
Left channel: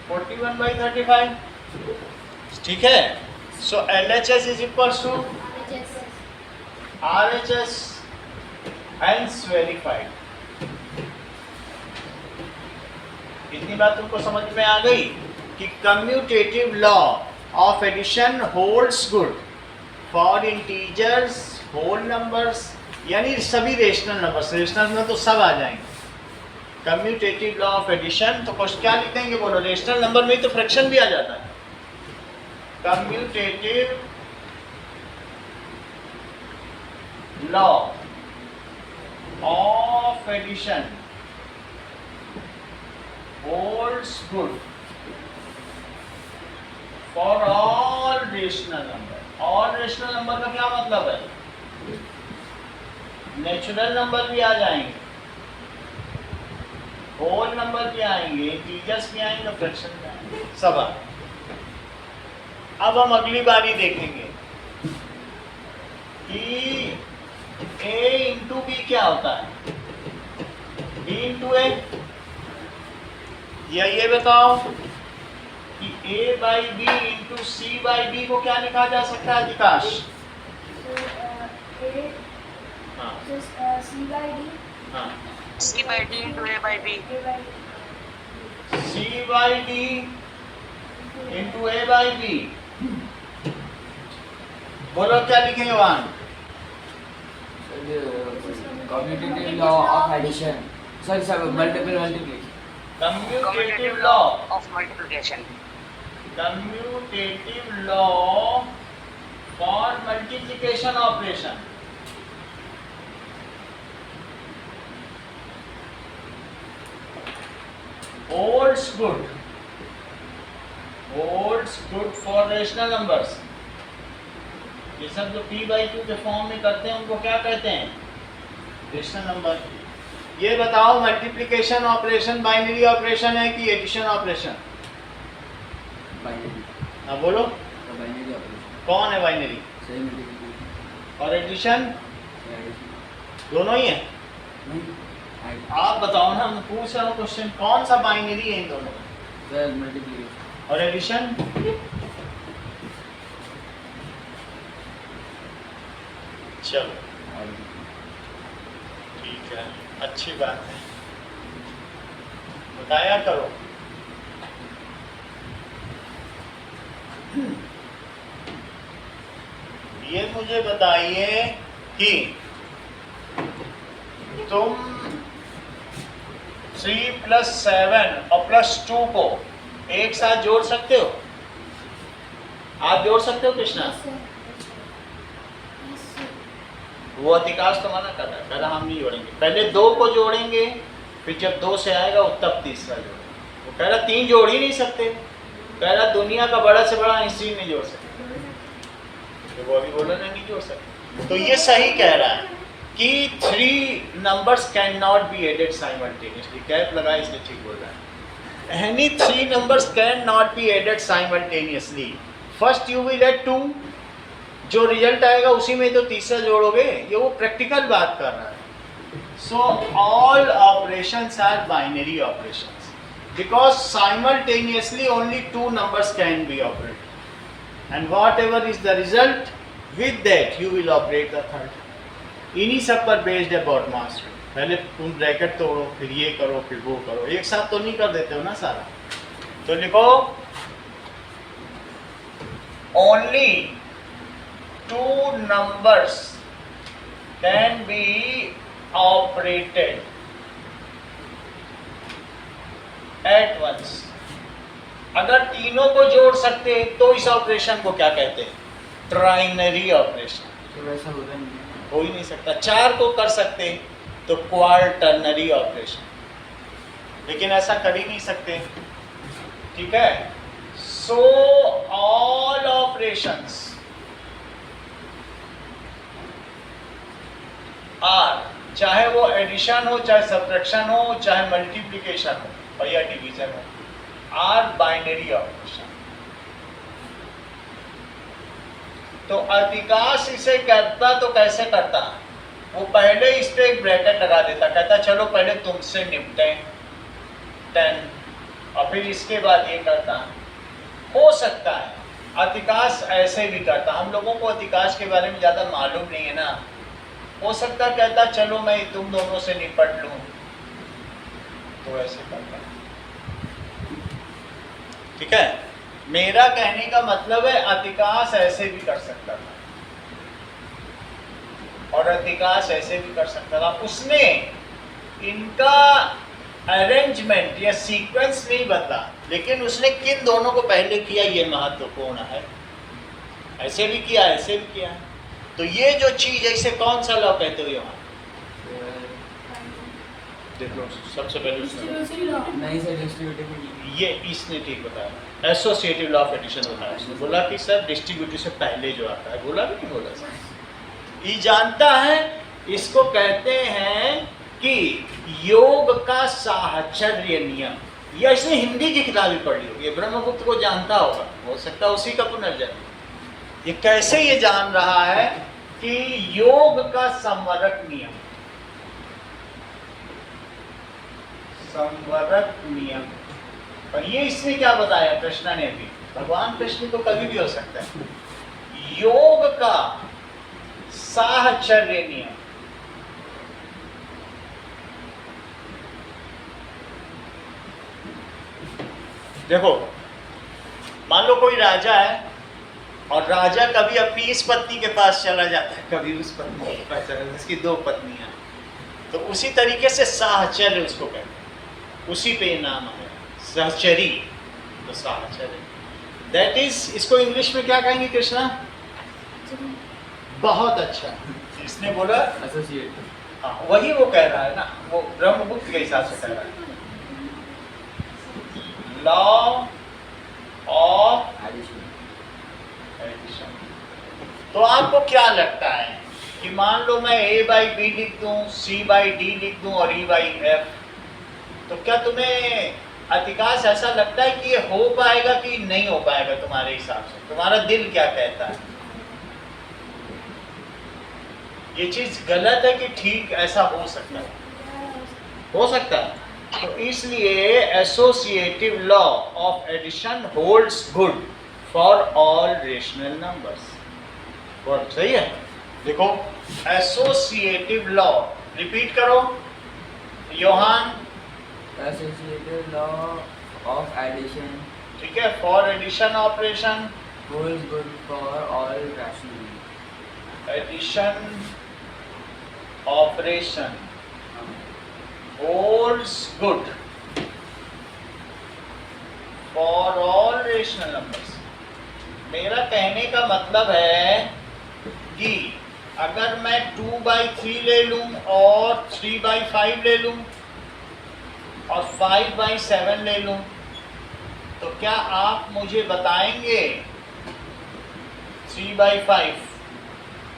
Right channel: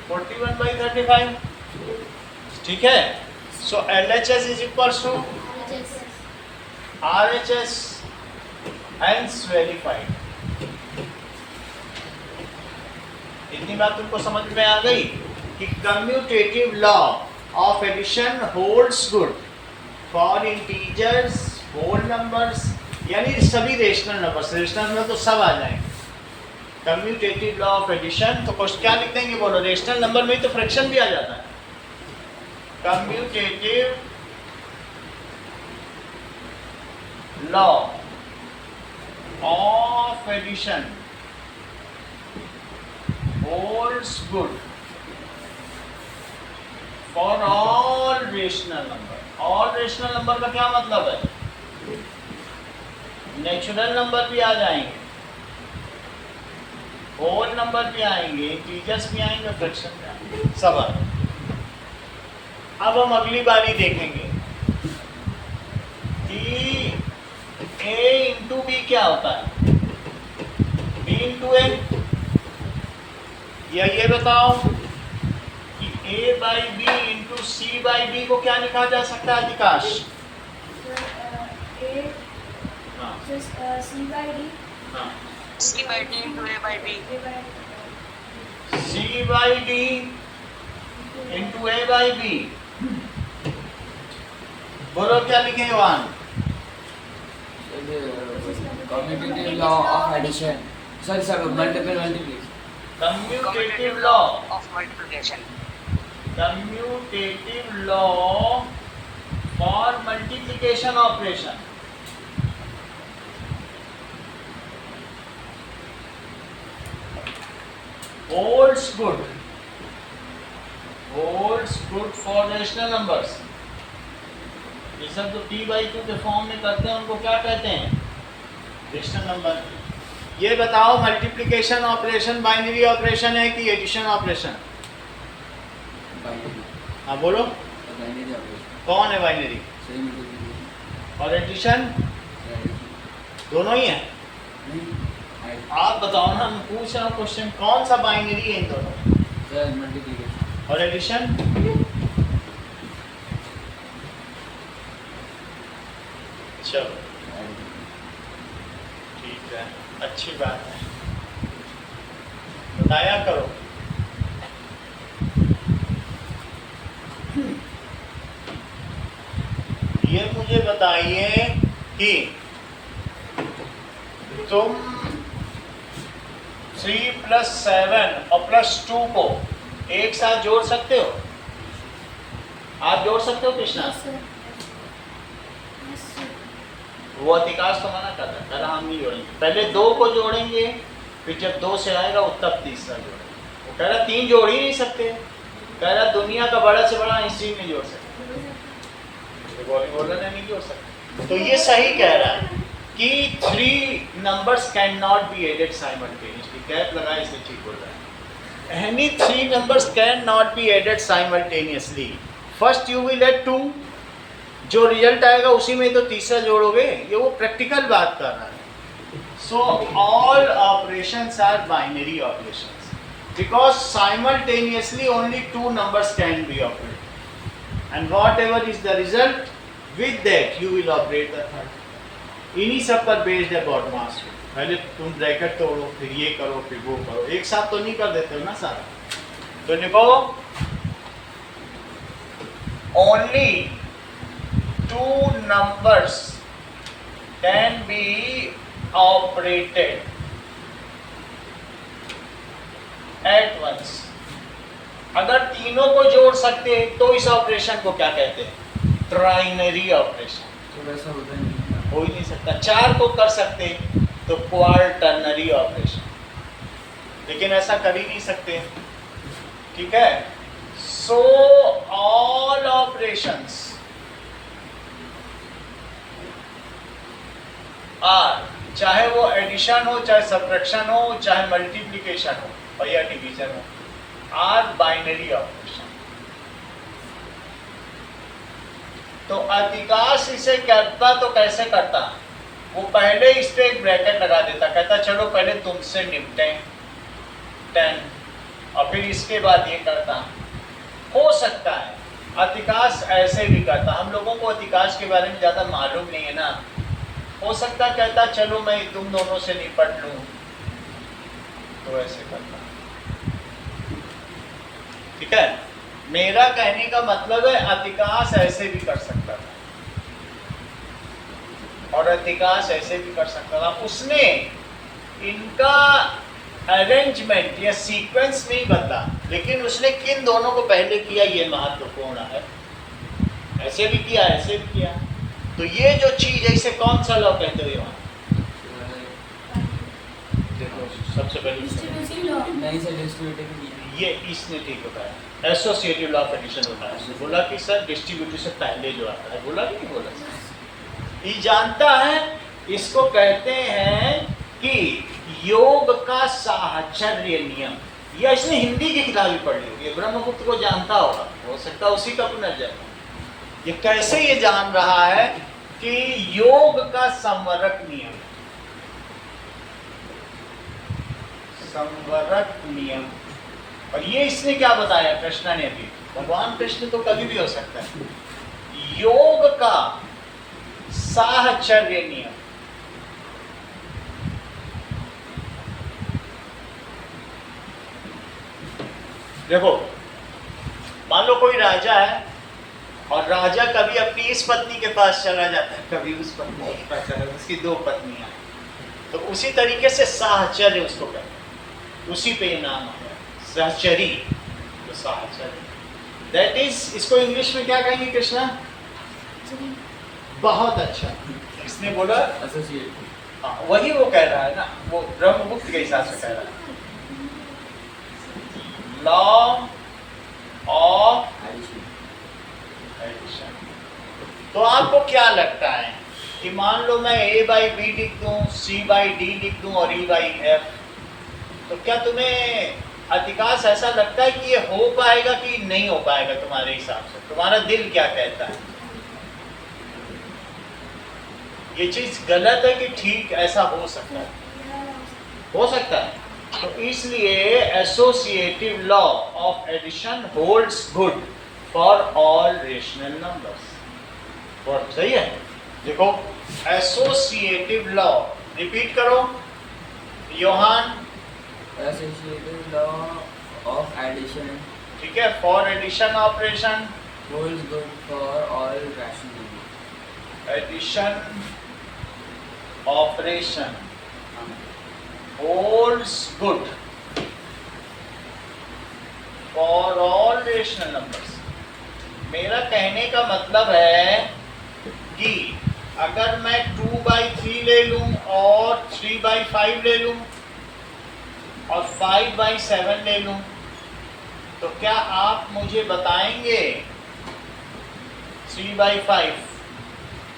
41/35। ठीक है। So LHS is equals to RHS, hence verified. इतनी बात तुमको समझ में आ गई कि commutative law of addition holds good for integers, whole numbers, यानी सभी रेशनल नंबर्स। रेशनल में तो सब आ जाएंगे। कम्यूटेटिव लॉ ऑफ एडिशन, तो क्वेश्चन क्या लिख देंगे बोलो? रेशनल नंबर में तो फ्रैक्शन भी आ जाता है। Commutative law of addition holds good for all rational number। all rational number का क्या मतलब है? नेचुरल नंबर भी आ जाएंगे, होल नंबर भी आएंगे, इंटीजर्स भी आएंगे, फ्रैक्शन भी आएंगे, सब आएंगे। अब हम अगली बारी देखेंगे कि a इंटू बी क्या होता है? b इंटू ए, या ये बताओ कि a by B into C by D को क्या लिखा जा सकता है? विकास। हाँ C by D हाँ, C by D into A by B. A by C by D into A by B. बोलो क्या लिखेंगे वहां? Commutative law of addition, sorry sir, multiplication. Commutative law Of multiplication. Commutative law for multiplication operation. holds good for rational numbers। ये सब जो p/2 के form में करते हैं उनको क्या कहते हैं? Rational number. ये बताओ मल्टीप्लिकेशन ऑपरेशन बाइनरी ऑपरेशन है कि एडिशन ऑपरेशन? बाइनरी, हाँ बोलो, बाइनरी ऑपरेशन। कौन है बाइनरी? सही मल्टीप्लिकेशन और एडिशन? एडिशन दोनों ही है। नहीं, आप बताओ ना, मैं पूछ रहा हूँ क्वेश्चन, कौन सा बाइनरी है इन दोनों? Sir multiplication. और एडिशन? चलो ठीक है, अच्छी बात है, बताया करो। ये मुझे बताइए कि तुम 3 + 7 और +2 को एक साथ जोड़ सकते हो? आप जोड़ सकते हो Krishna? Yes, sir. Yes, sir. वो अधिकांश तो मना कर रहा है, हम नहीं जोड़ेंगे। पहले 2 को जोड़ेंगे, फिर जब 2 से आएगा वो तब तीसरा जोड़ेंगे। वो कह रहा 3 जोड़ ही नहीं सकते, कह रहा दुनिया का बड़ा से बड़ा इंस्टीट्यूट नहीं जोड़ सकते। तो वो अभी बोला ना नहीं जोड़ सकते, तो ये सही कह रहा है कि 3 numbers can not be added simultaneously. कैप लगा इसलिए ठीक बोल रहा है। Any 3 numbers can not be added simultaneously. First you will add 2, जो रिजल्ट आएगा उसी में तो तीसरा जोड़ोगे। ये वो प्रैक्टिकल बात कर रहा है। So all operations are binary operations because simultaneously only 2 numbers can be operated and whatever is the result with that you will operate the third. इन्हीं सब पर बेस्ड है बॉड मास। पहले तुम ब्रैकेट तोड़ो, फिर ये करो, फिर वो करो, एक साथ तो नहीं कर देते हो ना सारा। तो लिखो only 2 numbers can be operated at once। अगर तीनों को जोड़ सकते तो इस ऑपरेशन को क्या कहते हैं? Trinary operation. तो वैसा होता नहीं है। हो ही नहीं सकता। 4 को कर सकते तो क्वार्टरनरी ऑपरेशन, लेकिन ऐसा कर ही नहीं सकते। ठीक है। सो ऑल ऑपरेशंस आर, चाहे वो एडिशन हो, चाहे सब्ट्रैक्शन हो, चाहे मल्टीप्लिकेशन हो और या डिवीजन हो, आर बाइनरी ऑपरेशन। तो अधिकांश इसे करता तो कैसे करता? वो पहले इस पे एक ब्रैकेट लगा देता, कहता चलो पहले तुमसे निपटें 10 और फिर इसके बाद ये करता। हो सकता है अधिकांश ऐसे भी करता। हम लोगों को अधिकांश के बारे में ज़्यादा मालूम नहीं है ना। हो सकता कहता चलो मैं तुम दोनों से निपट लूँ, तो ऐसे करता। ठीक है। मेरा कहने का मतलब है अधिकांश ऐसे भी कर सकता था और अधिकांश ऐसे भी कर सकता था। उसने इनका अरेंजमेंट या सीक्वेंस नहीं बदला, लेकिन उसने किन दोनों को पहले किया ये महत्वपूर्ण है। ऐसे भी किया, ऐसे भी किया। तो ये जो चीज है इसे कौन सा लॉ कहते हुए वहां देखो सबसे पहले Distributive law. नहीं सर, डिस्ट्रीब्यूटिव ये इसने ठीक बताया, एसोसिएटिव लॉ ऑफ एडिशन बताया। इसने बोला कि सर डिस्ट्रीब्यूटिव से पहले जो आता है, बोला कि नहीं बोला सर? ये जानता है, इसको कहते हैं कि योग का साहचर्य नियम। या इसने हिंदी की किताब भी पढ़ी होगी, ब्रह्मगुप्त को जानता होगा, हो सकता है उसी का पुनर्जन्म। ये कैसे ये जान रहा है कि योग का संवरक नियम, संवरक नियम। और ये इसने क्या बताया कृष्ण ने अभी? भगवान कृष्ण तो कभी भी हो सकता है। योग का साहचर्य नियम। देखो मान लो कोई राजा है और राजा कभी अपनी इस पत्नी के पास चला जाता है, कभी उस पत्नी के पास चला जाता है, उसकी 2 पत्नियां, तो उसी तरीके से साहचर्य उसको कहते हैं, उसी पे नाम है सहचरी। तो साहचर्य दैट इज, इसको इंग्लिश में क्या कहेंगे कृष्णा? बहुत अच्छा इसने बोला एसोसिएट। हाँ वही वो कह रहा है ना, वो ब्रह्मगुप्त के हिसाब से कह रहा है। Law of addition. तो आपको क्या लगता है कि मान लो मैं A/B लिख दूं, C/D लिख दूं और E/F, तो क्या तुम्हें अधिकांश ऐसा लगता है कि ये हो पाएगा कि नहीं हो पाएगा? तुम्हारे हिसाब से तुम्हारा दिल क्या कहता है? ये चीज गलत है कि ठीक ऐसा हो सकता है? हो सकता है। तो इसलिए associative law of addition holds good for all rational numbers. बहुत सही है। देखो एसोसिएटिव लॉ, रिपीट करो Yohan. Associative law of addition, ठीक है, for addition operation holds good for all rational number. Addition operation हाँ holds good for all rational numbers। मेरा कहने का मतलब है कि अगर मैं 2/3 ले लूं और 3/5 ले लूं और 5/7 ले लूं, तो क्या आप मुझे बताएंगे 3/5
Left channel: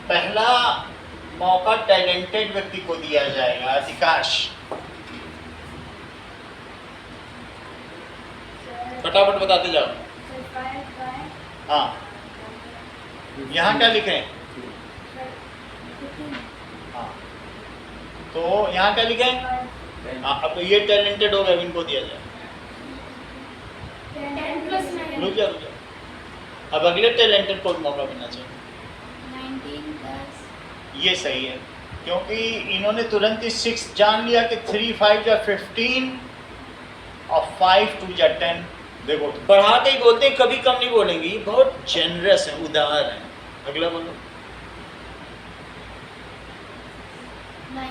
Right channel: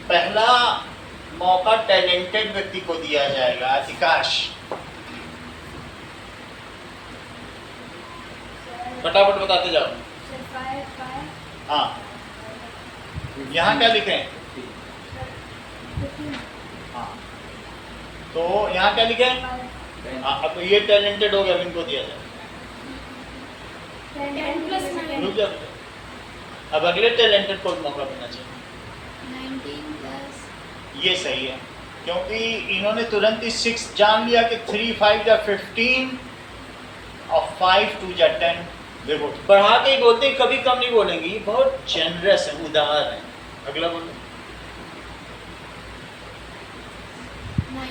पहला मौका टैलेंटेड व्यक्ति को दिया जाएगा, अधिकाश। फटाफट बताते जाओ। सर 5 हाँ, यहाँ क्या लिखे हैं? 15 हाँ, तो यहाँ क्या लिखे हैं? 5 हाँ, अब ये टैलेंटेड हो गया, इनको दिया जाए। 10 plus 9 रुक जाओ। अब अगले टैलेंटेड को भी मौका मिलना चाहिए। 19 plus ये सही है, क्योंकि इन्होंने तुरंत ही 6 जान लिया कि 3 5 या 15 और 5 2 या 10। देखो बढ़ा के ही बोलते हैं, कभी कम नहीं बोलेंगे, ये बहुत जेनरस है, उदार है। अगला बोलो। 9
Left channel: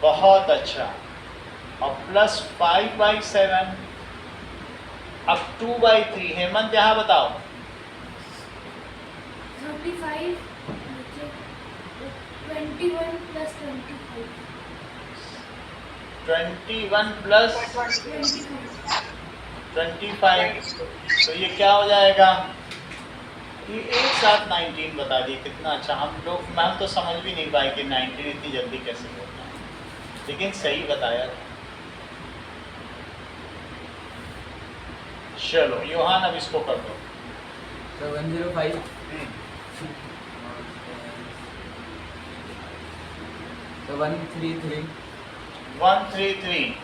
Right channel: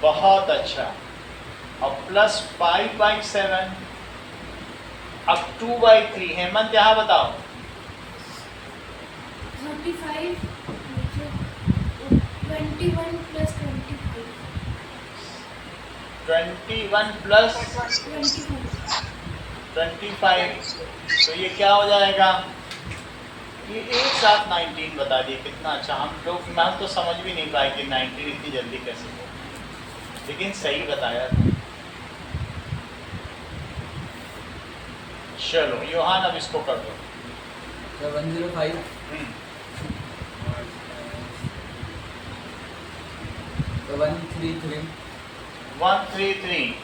बहुत अच्छा। अब प्लस 5/7, अब 2/3। हेमंत यहाँ बताओ। 35 21 plus 25 21 प्लस 25, तो ये क्या हो जाएगा? ये एक साथ 19 बता दिए। कितना अच्छा। हम तो समझ भी नहीं पाए कि 19 इतनी जल्दी कैसे होता है, लेकिन सही बताया था। चलो योहान, अब इसको कर दो। तो 105 और तो 133 133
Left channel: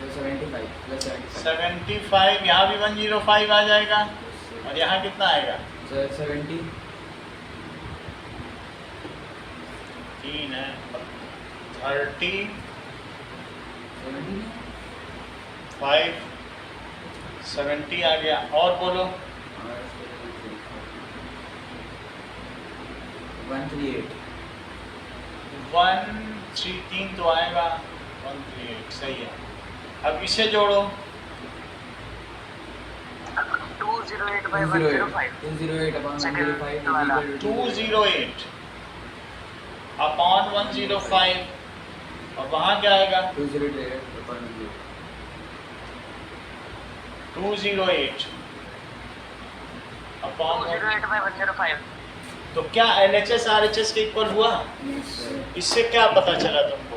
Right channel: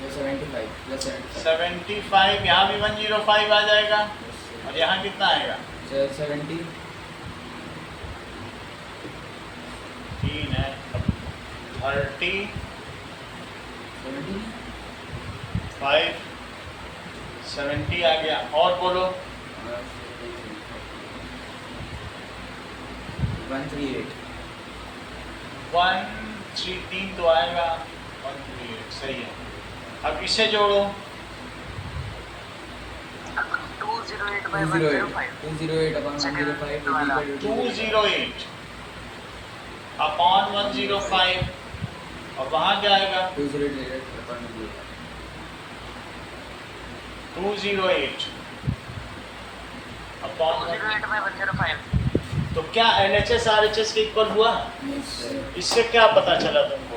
तो 75 प्लस 75, यहाँ भी 105 आ जाएगा, और यहाँ कितना आएगा? 70 3 है, 30 70 5 70 आ गया। और बोलो। और 138 133 तो आएगा, 138 सही है। अब इसे जोड़ो। 208/105 208 upon 105 is equal to 208 upon 105, और वहाँ क्या आएगा? 208 upon 105 208 अपॉन 208/105 तो क्या LHS RHS के इक्वल हुआ? yes sir इससे क्या पता चला तुमको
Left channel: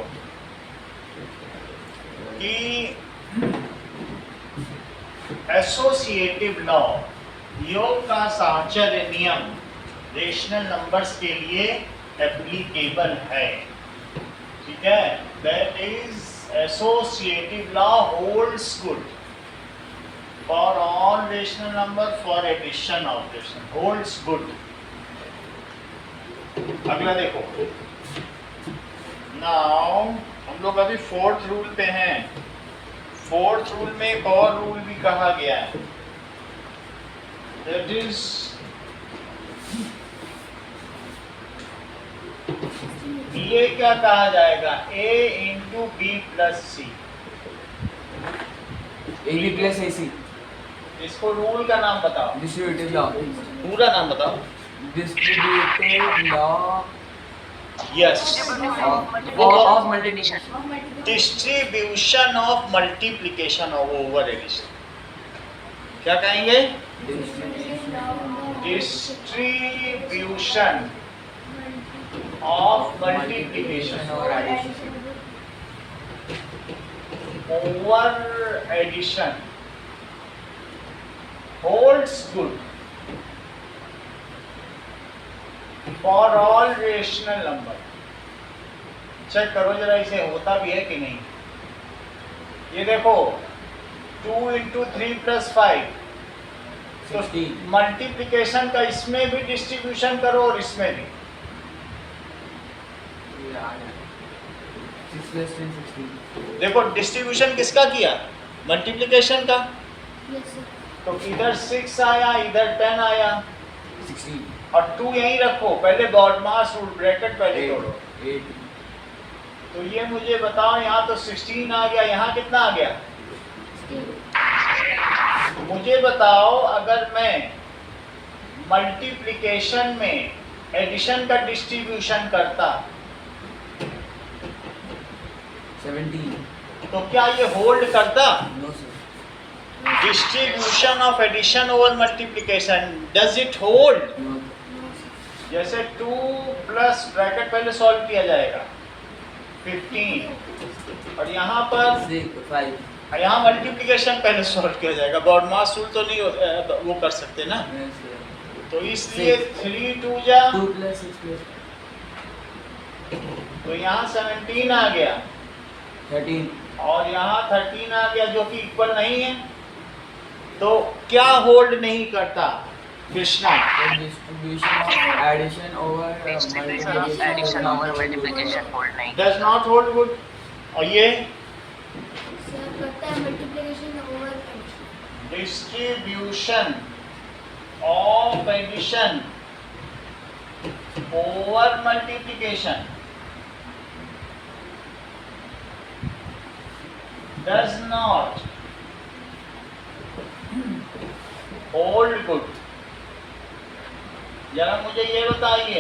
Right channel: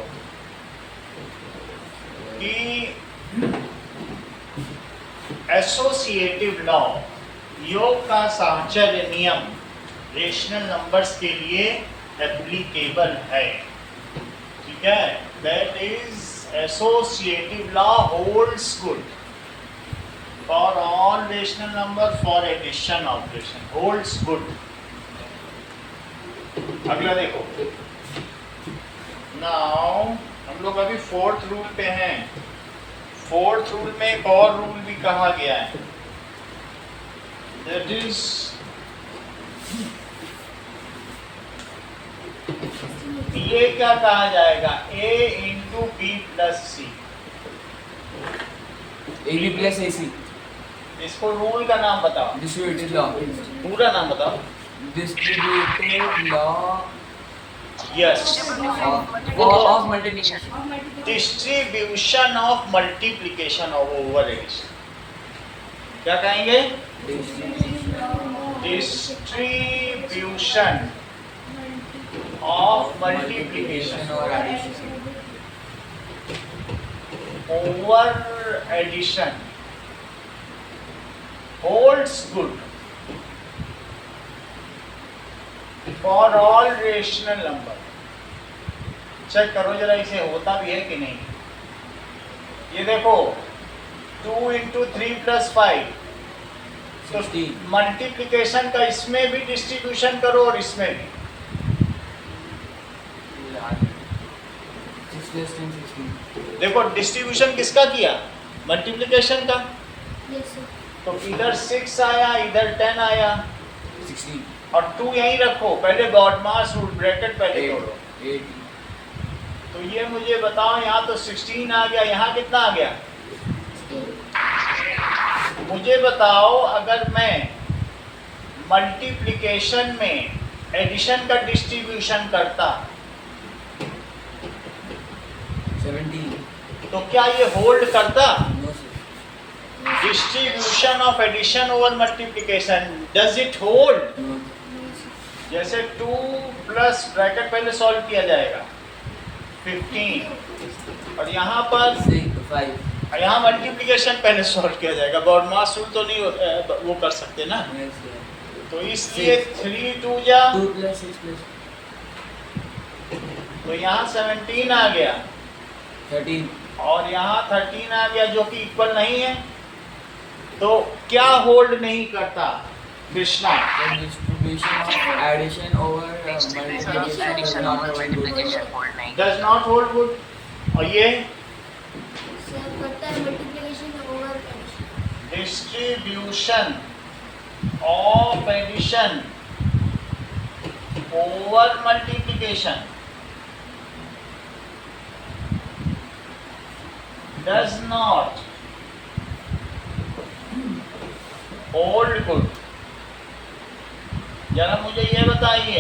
कि एसोसिएटिव लॉ, योग का साहचर्य नियम रेशनल नंबर्स के लिए एप्लीकेबल है। ठीक है, that is associative law holds good for all rational number for addition operation, holds good. अगला देखो। नाउ हम लोग अभी 4th रूल पे हैं। 4th रूल में एक और रूल भी कहा गया है, दैट इज ये क्या कहा जाएगा? A into B plus C. AB plus AC इसको रूल का नाम बताओ, distributive law पूरा नाम बताओ। distributive law यस, of multiplication of multiplication distribution of multiplication over addition. क्या कहेंगे? Distribution of multiplication or addition over addition holds good for all rational number। Check करो जरा इसे होता भी है कि नहीं। ये देखो 2 इंटू 3 प्लस 5, तो 60 मल्टीप्लिकेशन का इसमें भी डिस्ट्रीब्यूशन करो और इसमें भी। 6 plus 10 16 देखो डिस्ट्रीब्यूशन किसका किया? मल्टीप्लिकेशन का। yes sir तो इधर 6 आया, इधर 10 आया, 16 और 2 यहीं रखो, पहले बॉडमास रूल ब्रैकेट पहले तोड़ो। 80 तो ये मुझे बताओ, यहाँ तो 16 आ गया, यहाँ कितना आ गया? मुझे बताओ अगर मैं मल्टीप्लिकेशन में एडिशन का डिस्ट्रीब्यूशन करता 17 तो क्या ये होल्ड करता? No sir distribution of addition over multiplication, does it hold? No जैसे 2 प्लस ब्रैकेट पहले सॉल्व किया जाएगा 15, और यहाँ पर 5 यहाँ मल्टीप्लिकेशन पहले सॉल्व किया जाएगा, बॉडमास रूल तो नहीं वो कर सकते ना, तो इसलिए 3 2 जा 2 प्लस 6 प्लस तो यहाँ 17 आ गया 13 और यहाँ 13 आ गया, जो कि इक्वल नहीं है। तो क्या होल्ड नहीं करता Krishna? the distribution of addition over Distribution of multiplication is addition not over holding. multiplication hold नहीं। Does not hold good. और ये सर करता है multiplication over addition. Distribution of addition over multiplication does not hold good. जरा मुझे ये बताइए,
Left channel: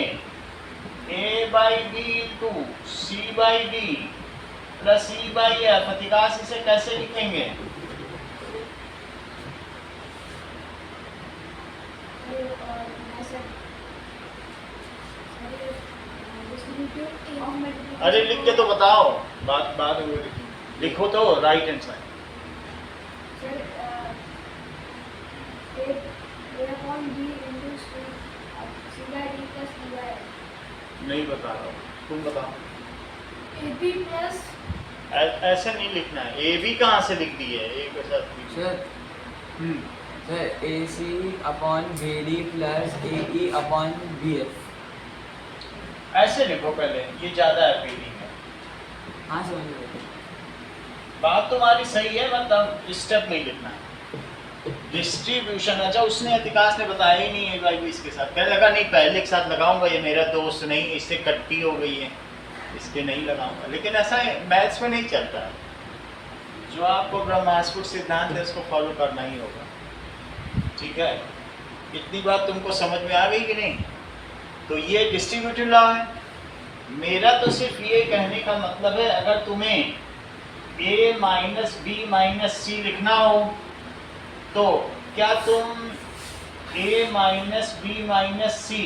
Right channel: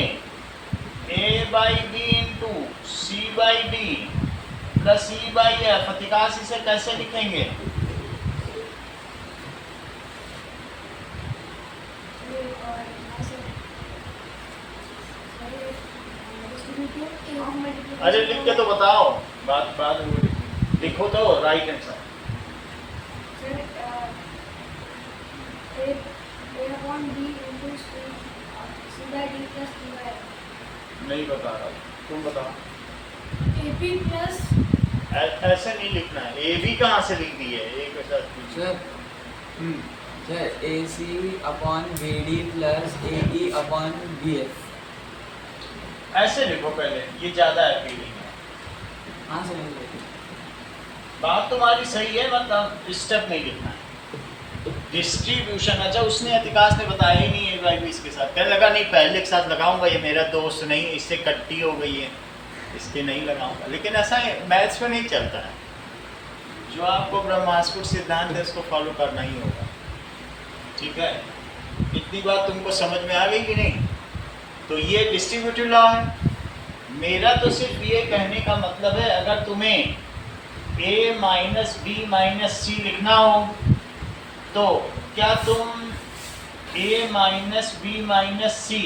a by B into C by D plus E by F, प्रतिकाश इसे कैसे लिखेंगे? अरे लिख के तो बताओ, बात वो लिखो तो राइट आंसर। नहीं बता रहा हूँ, तुम बताओ। AP प्लस ऐसे नहीं लिखना है, ए भी कहाँ से लिख दी है, ए के साथ भी। Sir sir AC upon BD plus AE upon BF। ऐसे लिखो पहले, ये ज्यादा है फीलिंग है। हाँ समझ गए। बात तुम्हारी सही है, मतलब स्टेप नहीं लिखना है। डिस्ट्रीब्यूशन, अच्छा उसने अधिकाश ने बताया ही नहीं है भाई भी इसके साथ, क्या लगा नहीं पहले के साथ लगाऊंगा, ये मेरा दोस्त नहीं, इससे कट्टी हो गई है, इसके नहीं लगाऊंगा। लेकिन ऐसा मैथ्स में नहीं चलता है, जो आपको ब्रह्मास्त्र सिद्धांत है उसको फॉलो करना ही होगा, ठीक है। इतनी बात तुमको समझ में आ गई कि नहीं? तो ये डिस्ट्रीब्यूटिव लॉ है। मेरा तो सिर्फ ये कहने का मतलब है, अगर तुम्हें a माइनस बी माइनस सी लिखना हो तो क्या तुम a माइनस बी माइनस सी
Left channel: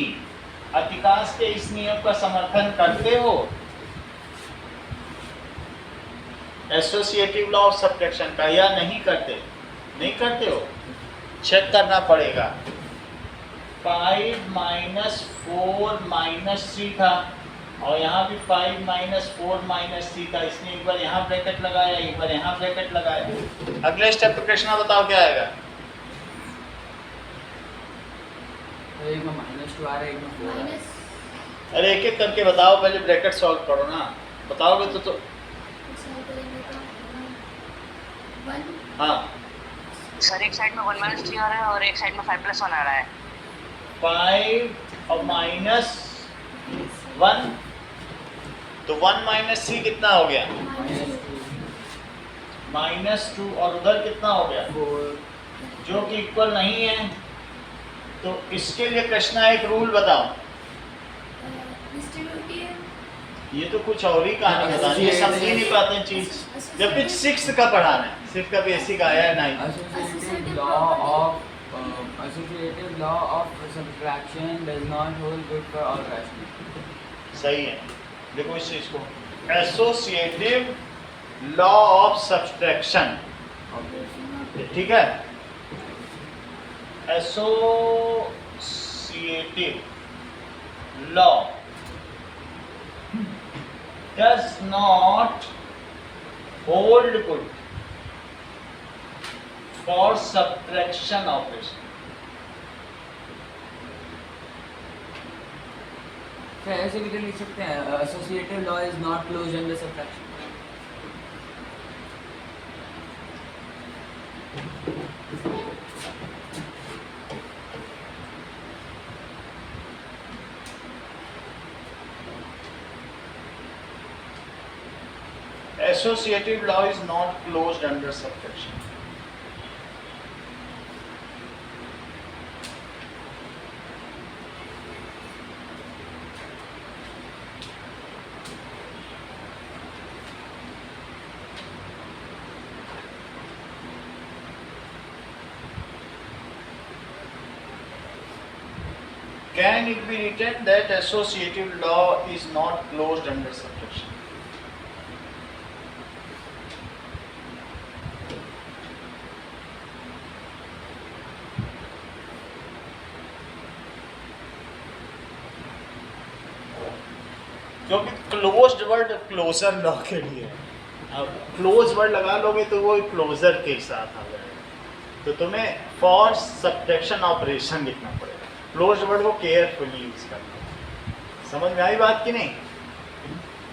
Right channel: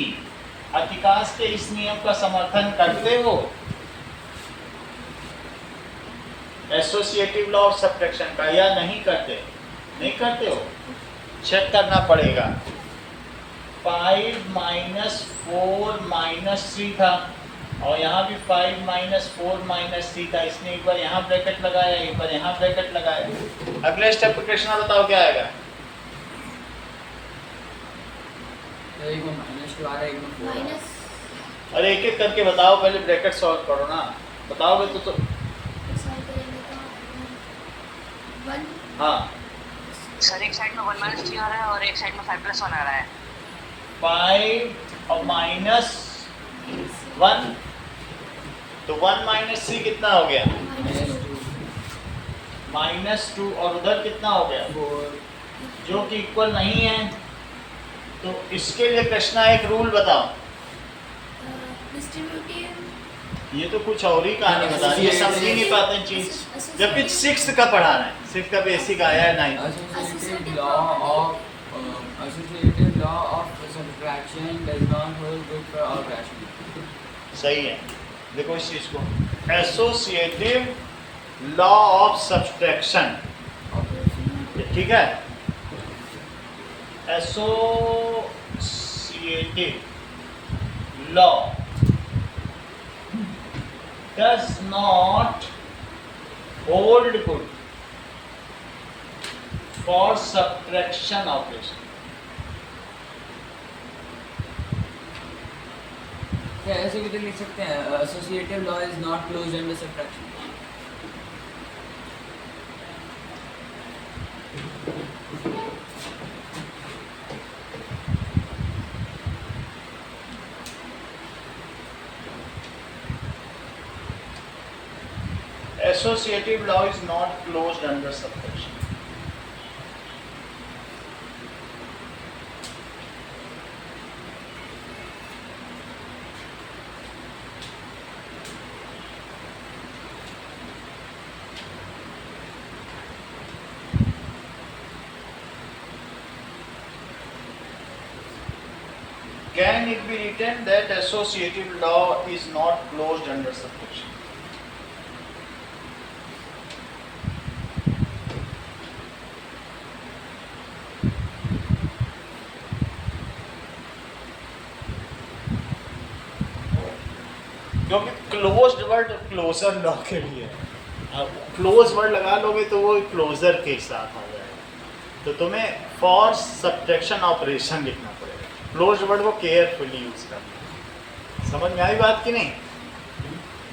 अतिकाश के इस नियम का समर्थन करते हो? एसोसिएटिव लॉ ऑफ सब्ट्रैक्शन का, या नहीं करते? नहीं करते हो, चेक करना पड़ेगा। 5 माइनस 4 माइनस 3 था और यहाँ भी 5 माइनस 4 माइनस 3 था, इसने एक बार यहाँ ब्रैकेट लगाया, एक बार यहाँ ब्रैकेट लगाया। अगले स्टेप पे कृष्णा बताओ क्या आएगा? एक में -2 आ रहा है, एक में 4 आ रहा है। माइनस अरे एक एक करके बताओ, पहले ब्रैकेट सॉल्व करो ना, बताओगे तो सॉल्व करेंगे तो 1 हाँ। सर एक साइड में 1 माइनस 3 आ रहा है और एक साइड में 5 प्लस 1 आ रहा है। 5 और माइनस 1, तो 1 माइनस 3 कितना हो गया? -2 -2, और उधर कितना हो गया? 4 जो कि इक्वल नहीं है। तो इसके लिए कृष्णा एक रूल बताओ। डिस्ट्रीब्यूटिव ये तो कुछ और ही कहानी बता, ये समझ ही नहीं पाते चीज, जबकि 6th का पढ़ाना है, 6th का बेसिक आया है 9th। associative law of subtraction does not hold good for all rational। सही है, देखो इस चीज को, एसोसिएटिव लॉ ऑफ सब्सट्रैक्शन, ठीक है। Associative law does not hold good for subtraction operation। तो ऐसे भी तो लिख सकते हैं, associative law is not closed under subtraction। associative law is not closed under subtraction. Can it be written that associative law is not closed under subtraction? क्योंकि closed word closure law के लिए है। अब क्लोज वर्ड लगा लोगे तो वो closure के साथ आ जाएगा, तो तुम्हें फॉर सब्ट्रैक्शन ऑपरेशन लिखना पड़ेगा। क्लोज्ड वर्ड को केयरफुली यूज करना। समझ में आई बात कि नहीं?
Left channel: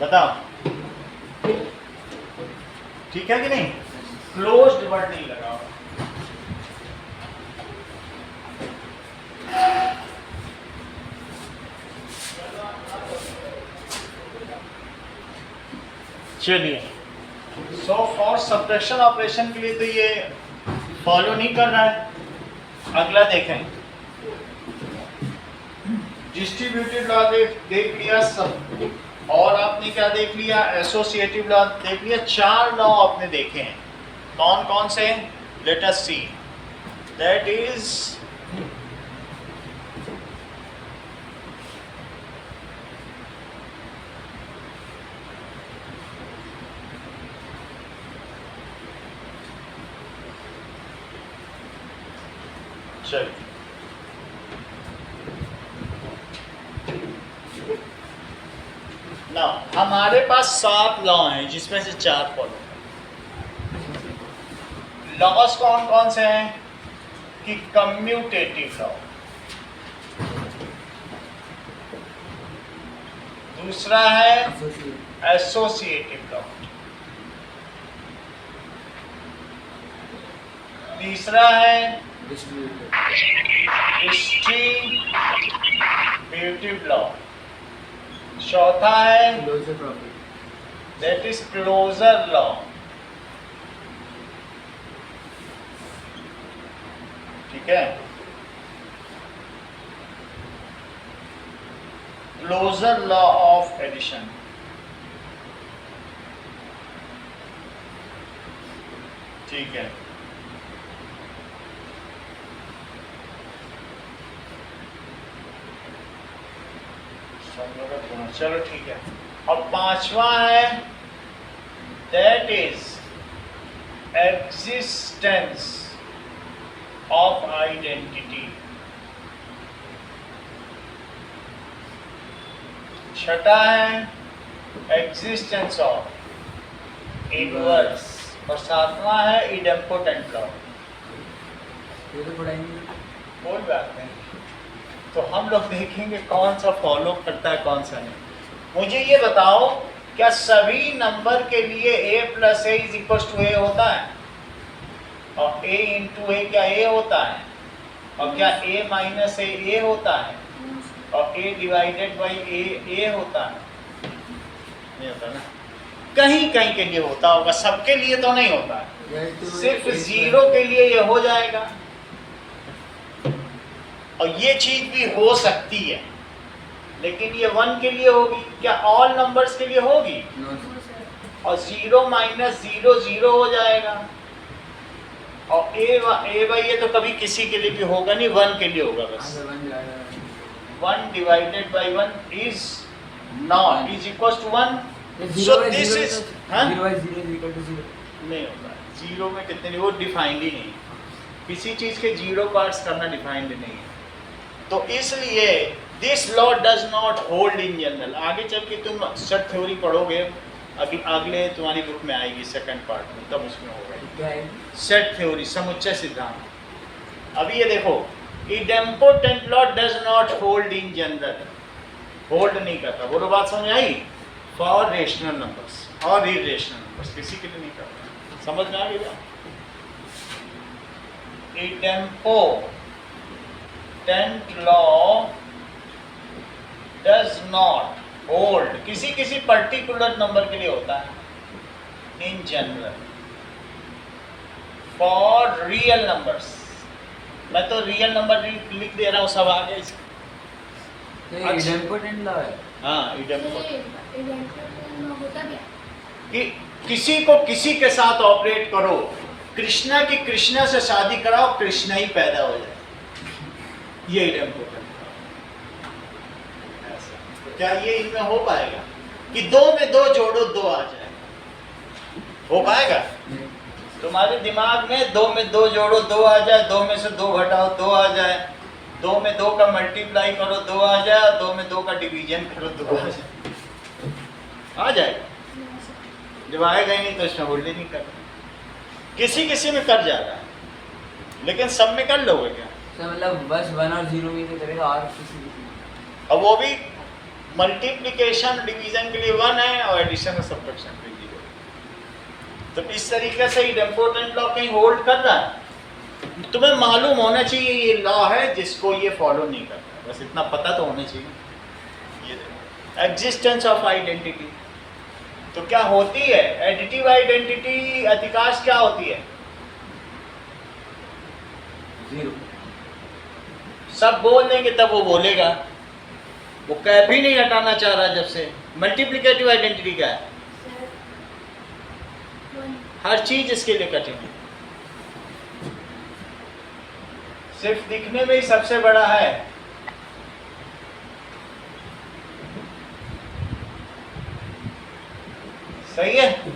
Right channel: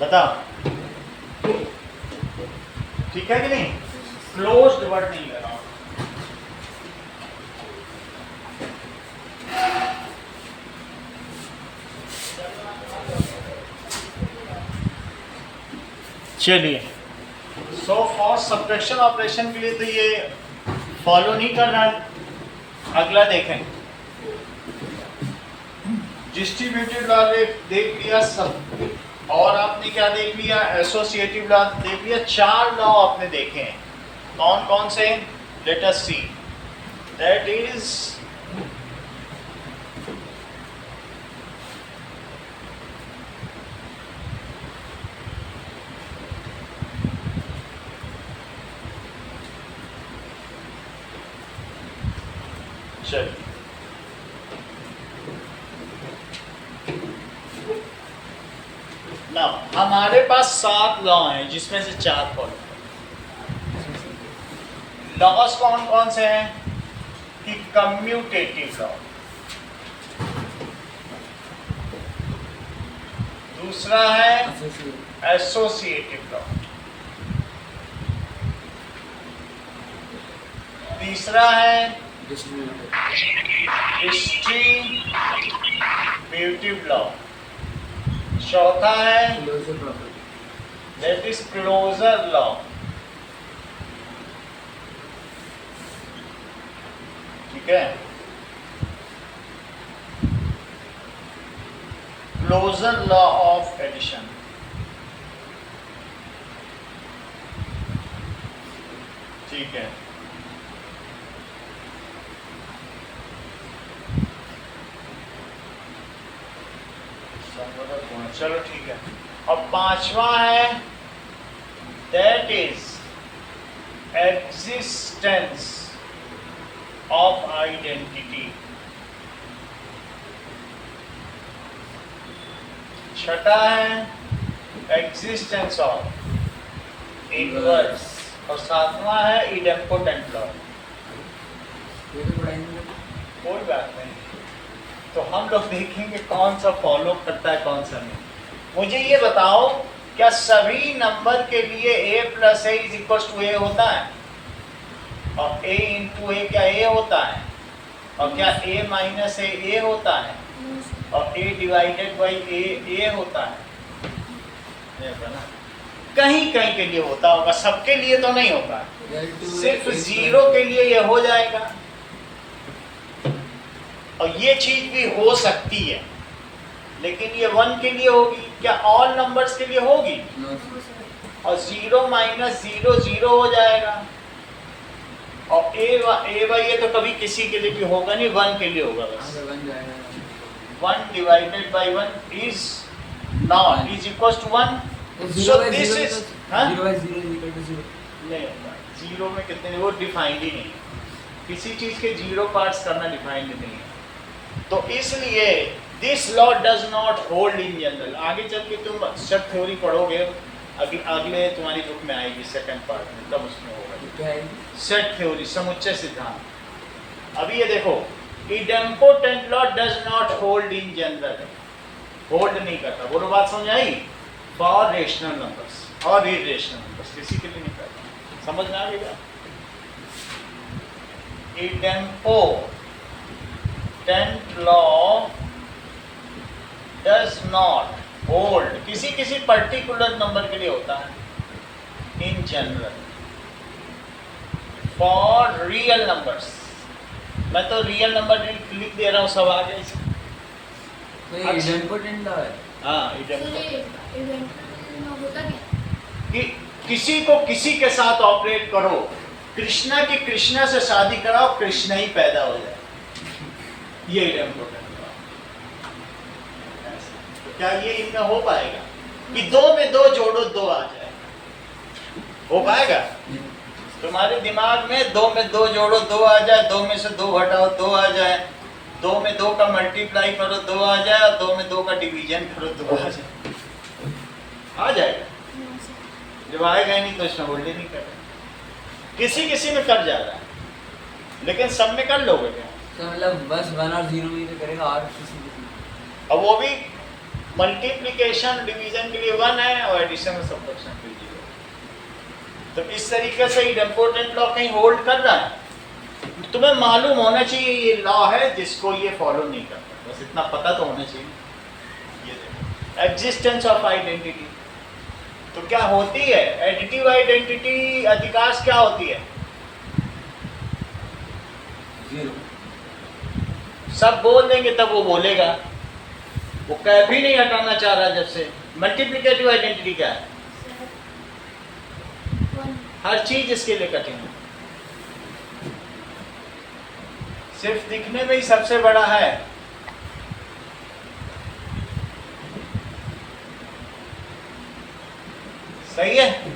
बताओ, ठीक है कि नहीं? क्लोज्ड वर्ड नहीं लगाओ। चलिए, सो फॉर सब्ट्रैक्शन ऑपरेशन के लिए तो ये फॉलो नहीं कर रहा है। अगला देखें, डिस्ट्रीब्यूटिव लॉ देख लिया सब, और आपने क्या देख लिया? एसोसिएटिव लॉ देख लिया। 4 लॉ आपने देखे हैं। कौन कौन से? Let us see. That is चलिए, ना हमारे पास 7 लॉ हैं जिसमें से 4 फॉलो। लॉस कौन कौन से हैं? कि कम्यूटेटिव लॉ, दूसरा है एसोसिएटिव लॉ, तीसरा है डिस्ट्रीब्यूटिव लॉ, चौथा है दैट इज क्लोजर लॉ, ठीक है? क्लोजर लॉ ऑफ एडिशन, ठीक है? चलो ठीक है। अब 5वां है that is existence of identity. छठा है एग्जिस्टेंस ऑफ इनवर्स, और 7वां है इडेम्पोटेंट लॉ। ये तो पढ़ाई नहीं करते। कोई बात नहीं, तो हम लोग देखेंगे कौन सा फॉलो करता है कौन सा नहीं। मुझे ये बताओ, क्या सभी नंबर के लिए a plus A is equal to A होता है? और a इंटू ए क्या a होता है? और क्या a माइनस ए होता है? और a डिवाइडेड बाई ए होता है? नहीं होता ना। कहीं कहीं के लिए होता होगा, सबके लिए तो नहीं होता है। सिर्फ 0 के लिए ये हो जाएगा, और ये चीज भी हो सकती है, लेकिन ये 1 के लिए होगी। क्या ऑल नंबर्स के लिए होगी? और 0 माइनस 0 0 हो जाएगा, और ए बाई ए तो कभी किसी के लिए भी होगा नहीं, 1 के लिए होगा बस। 1 divided by 1 is not is equal to 1। So this is 0 by 0 is equal to 0 नहीं होता। 0 में कितने नहीं, वो डिफाइंड ही नहीं। किसी चीज के 0 पार्ट्स करना डिफाइंड नहीं है। तो इसलिए this law does not hold in general. आगे चल के तुम सेट थ्योरी पढ़ोगे, अगले तुम्हारी ग्रुप में आएगी सेकंड पार्ट में, तब उसमें होगा क्या है? सेट थ्योरी, समुच्चय सिद्धांत। अभी ये देखो, idempotent law does not hold in general, hold नहीं करता। बोलो बात समझ आई? फॉर रेशनल नंबर्स और इरेशनल नंबर्स, किसी के लिए नहीं करता। समझ में आ गया? Idempotent law does not hold, किसी किसी पर्टिकुलर नंबर के लिए होता है, in general for real numbers. मैं तो रियल नंबर लिख दे रहा हूँ सब आगे। तो ये अच्छा। इडेम्पोटेंट लॉ है। हाँ तो इडेम्पोटेंट, ये इवेंट होता क्या? कि किसी को किसी के साथ ऑपरेट करो, कृष्णा की कृष्णा से शादी कराओ, कृष्णा ही पैदा हो जाए, ये इम्पोर्टेंट। तो क्या ये इनमें हो पाएगा कि 2 में 2 जोड़ो 2 आ जाएगा? हो पाएगा? तुम्हारे दिमाग में 2 में 2 जोड़ो 2 आ जाए, 2 में से 2 घटाओ 2 आ जाए, 2 में 2 का मल्टीप्लाई करो 2 आ जाए, और 2 में 2 का डिवीजन करो 2 आ जाए, आ जाएगा। जब आएगा ही नहीं तो इसमें होल्ड ही नहीं कर, किसी किसी में कर जा रहा है, लेकिन सब में कर लोगे क्या? तो मतलब बस 1 और 0 में तो करेगा, और किसी अब वो भी मल्टीप्लिकेशन डिवीजन के लिए 1 है और एडिशन और सब्ट्रैक्शन के लिए 0। तो इस तरीके से इम्पोर्टेंट लॉ कहीं होल्ड कर रहा है। तुम्हें मालूम होना चाहिए ये लॉ है जिसको ये फॉलो नहीं करता, बस इतना पता तो होना चाहिए। ये एग्जिस्टेंस ऑफ आइडेंटिटी तो क्या होती है? एडिटिव आइडेंटिटी अधिकांश क्या होती है? 0। सब बोल देंगे तब वो बोलेगा, वो कभी नहीं हटाना चाह रहा जब से। मल्टीप्लिकेटिव आइडेंटिटी क्या है? हर चीज इसके लिए कठिन है, सिर्फ दिखने में ही सबसे बड़ा है। सही है?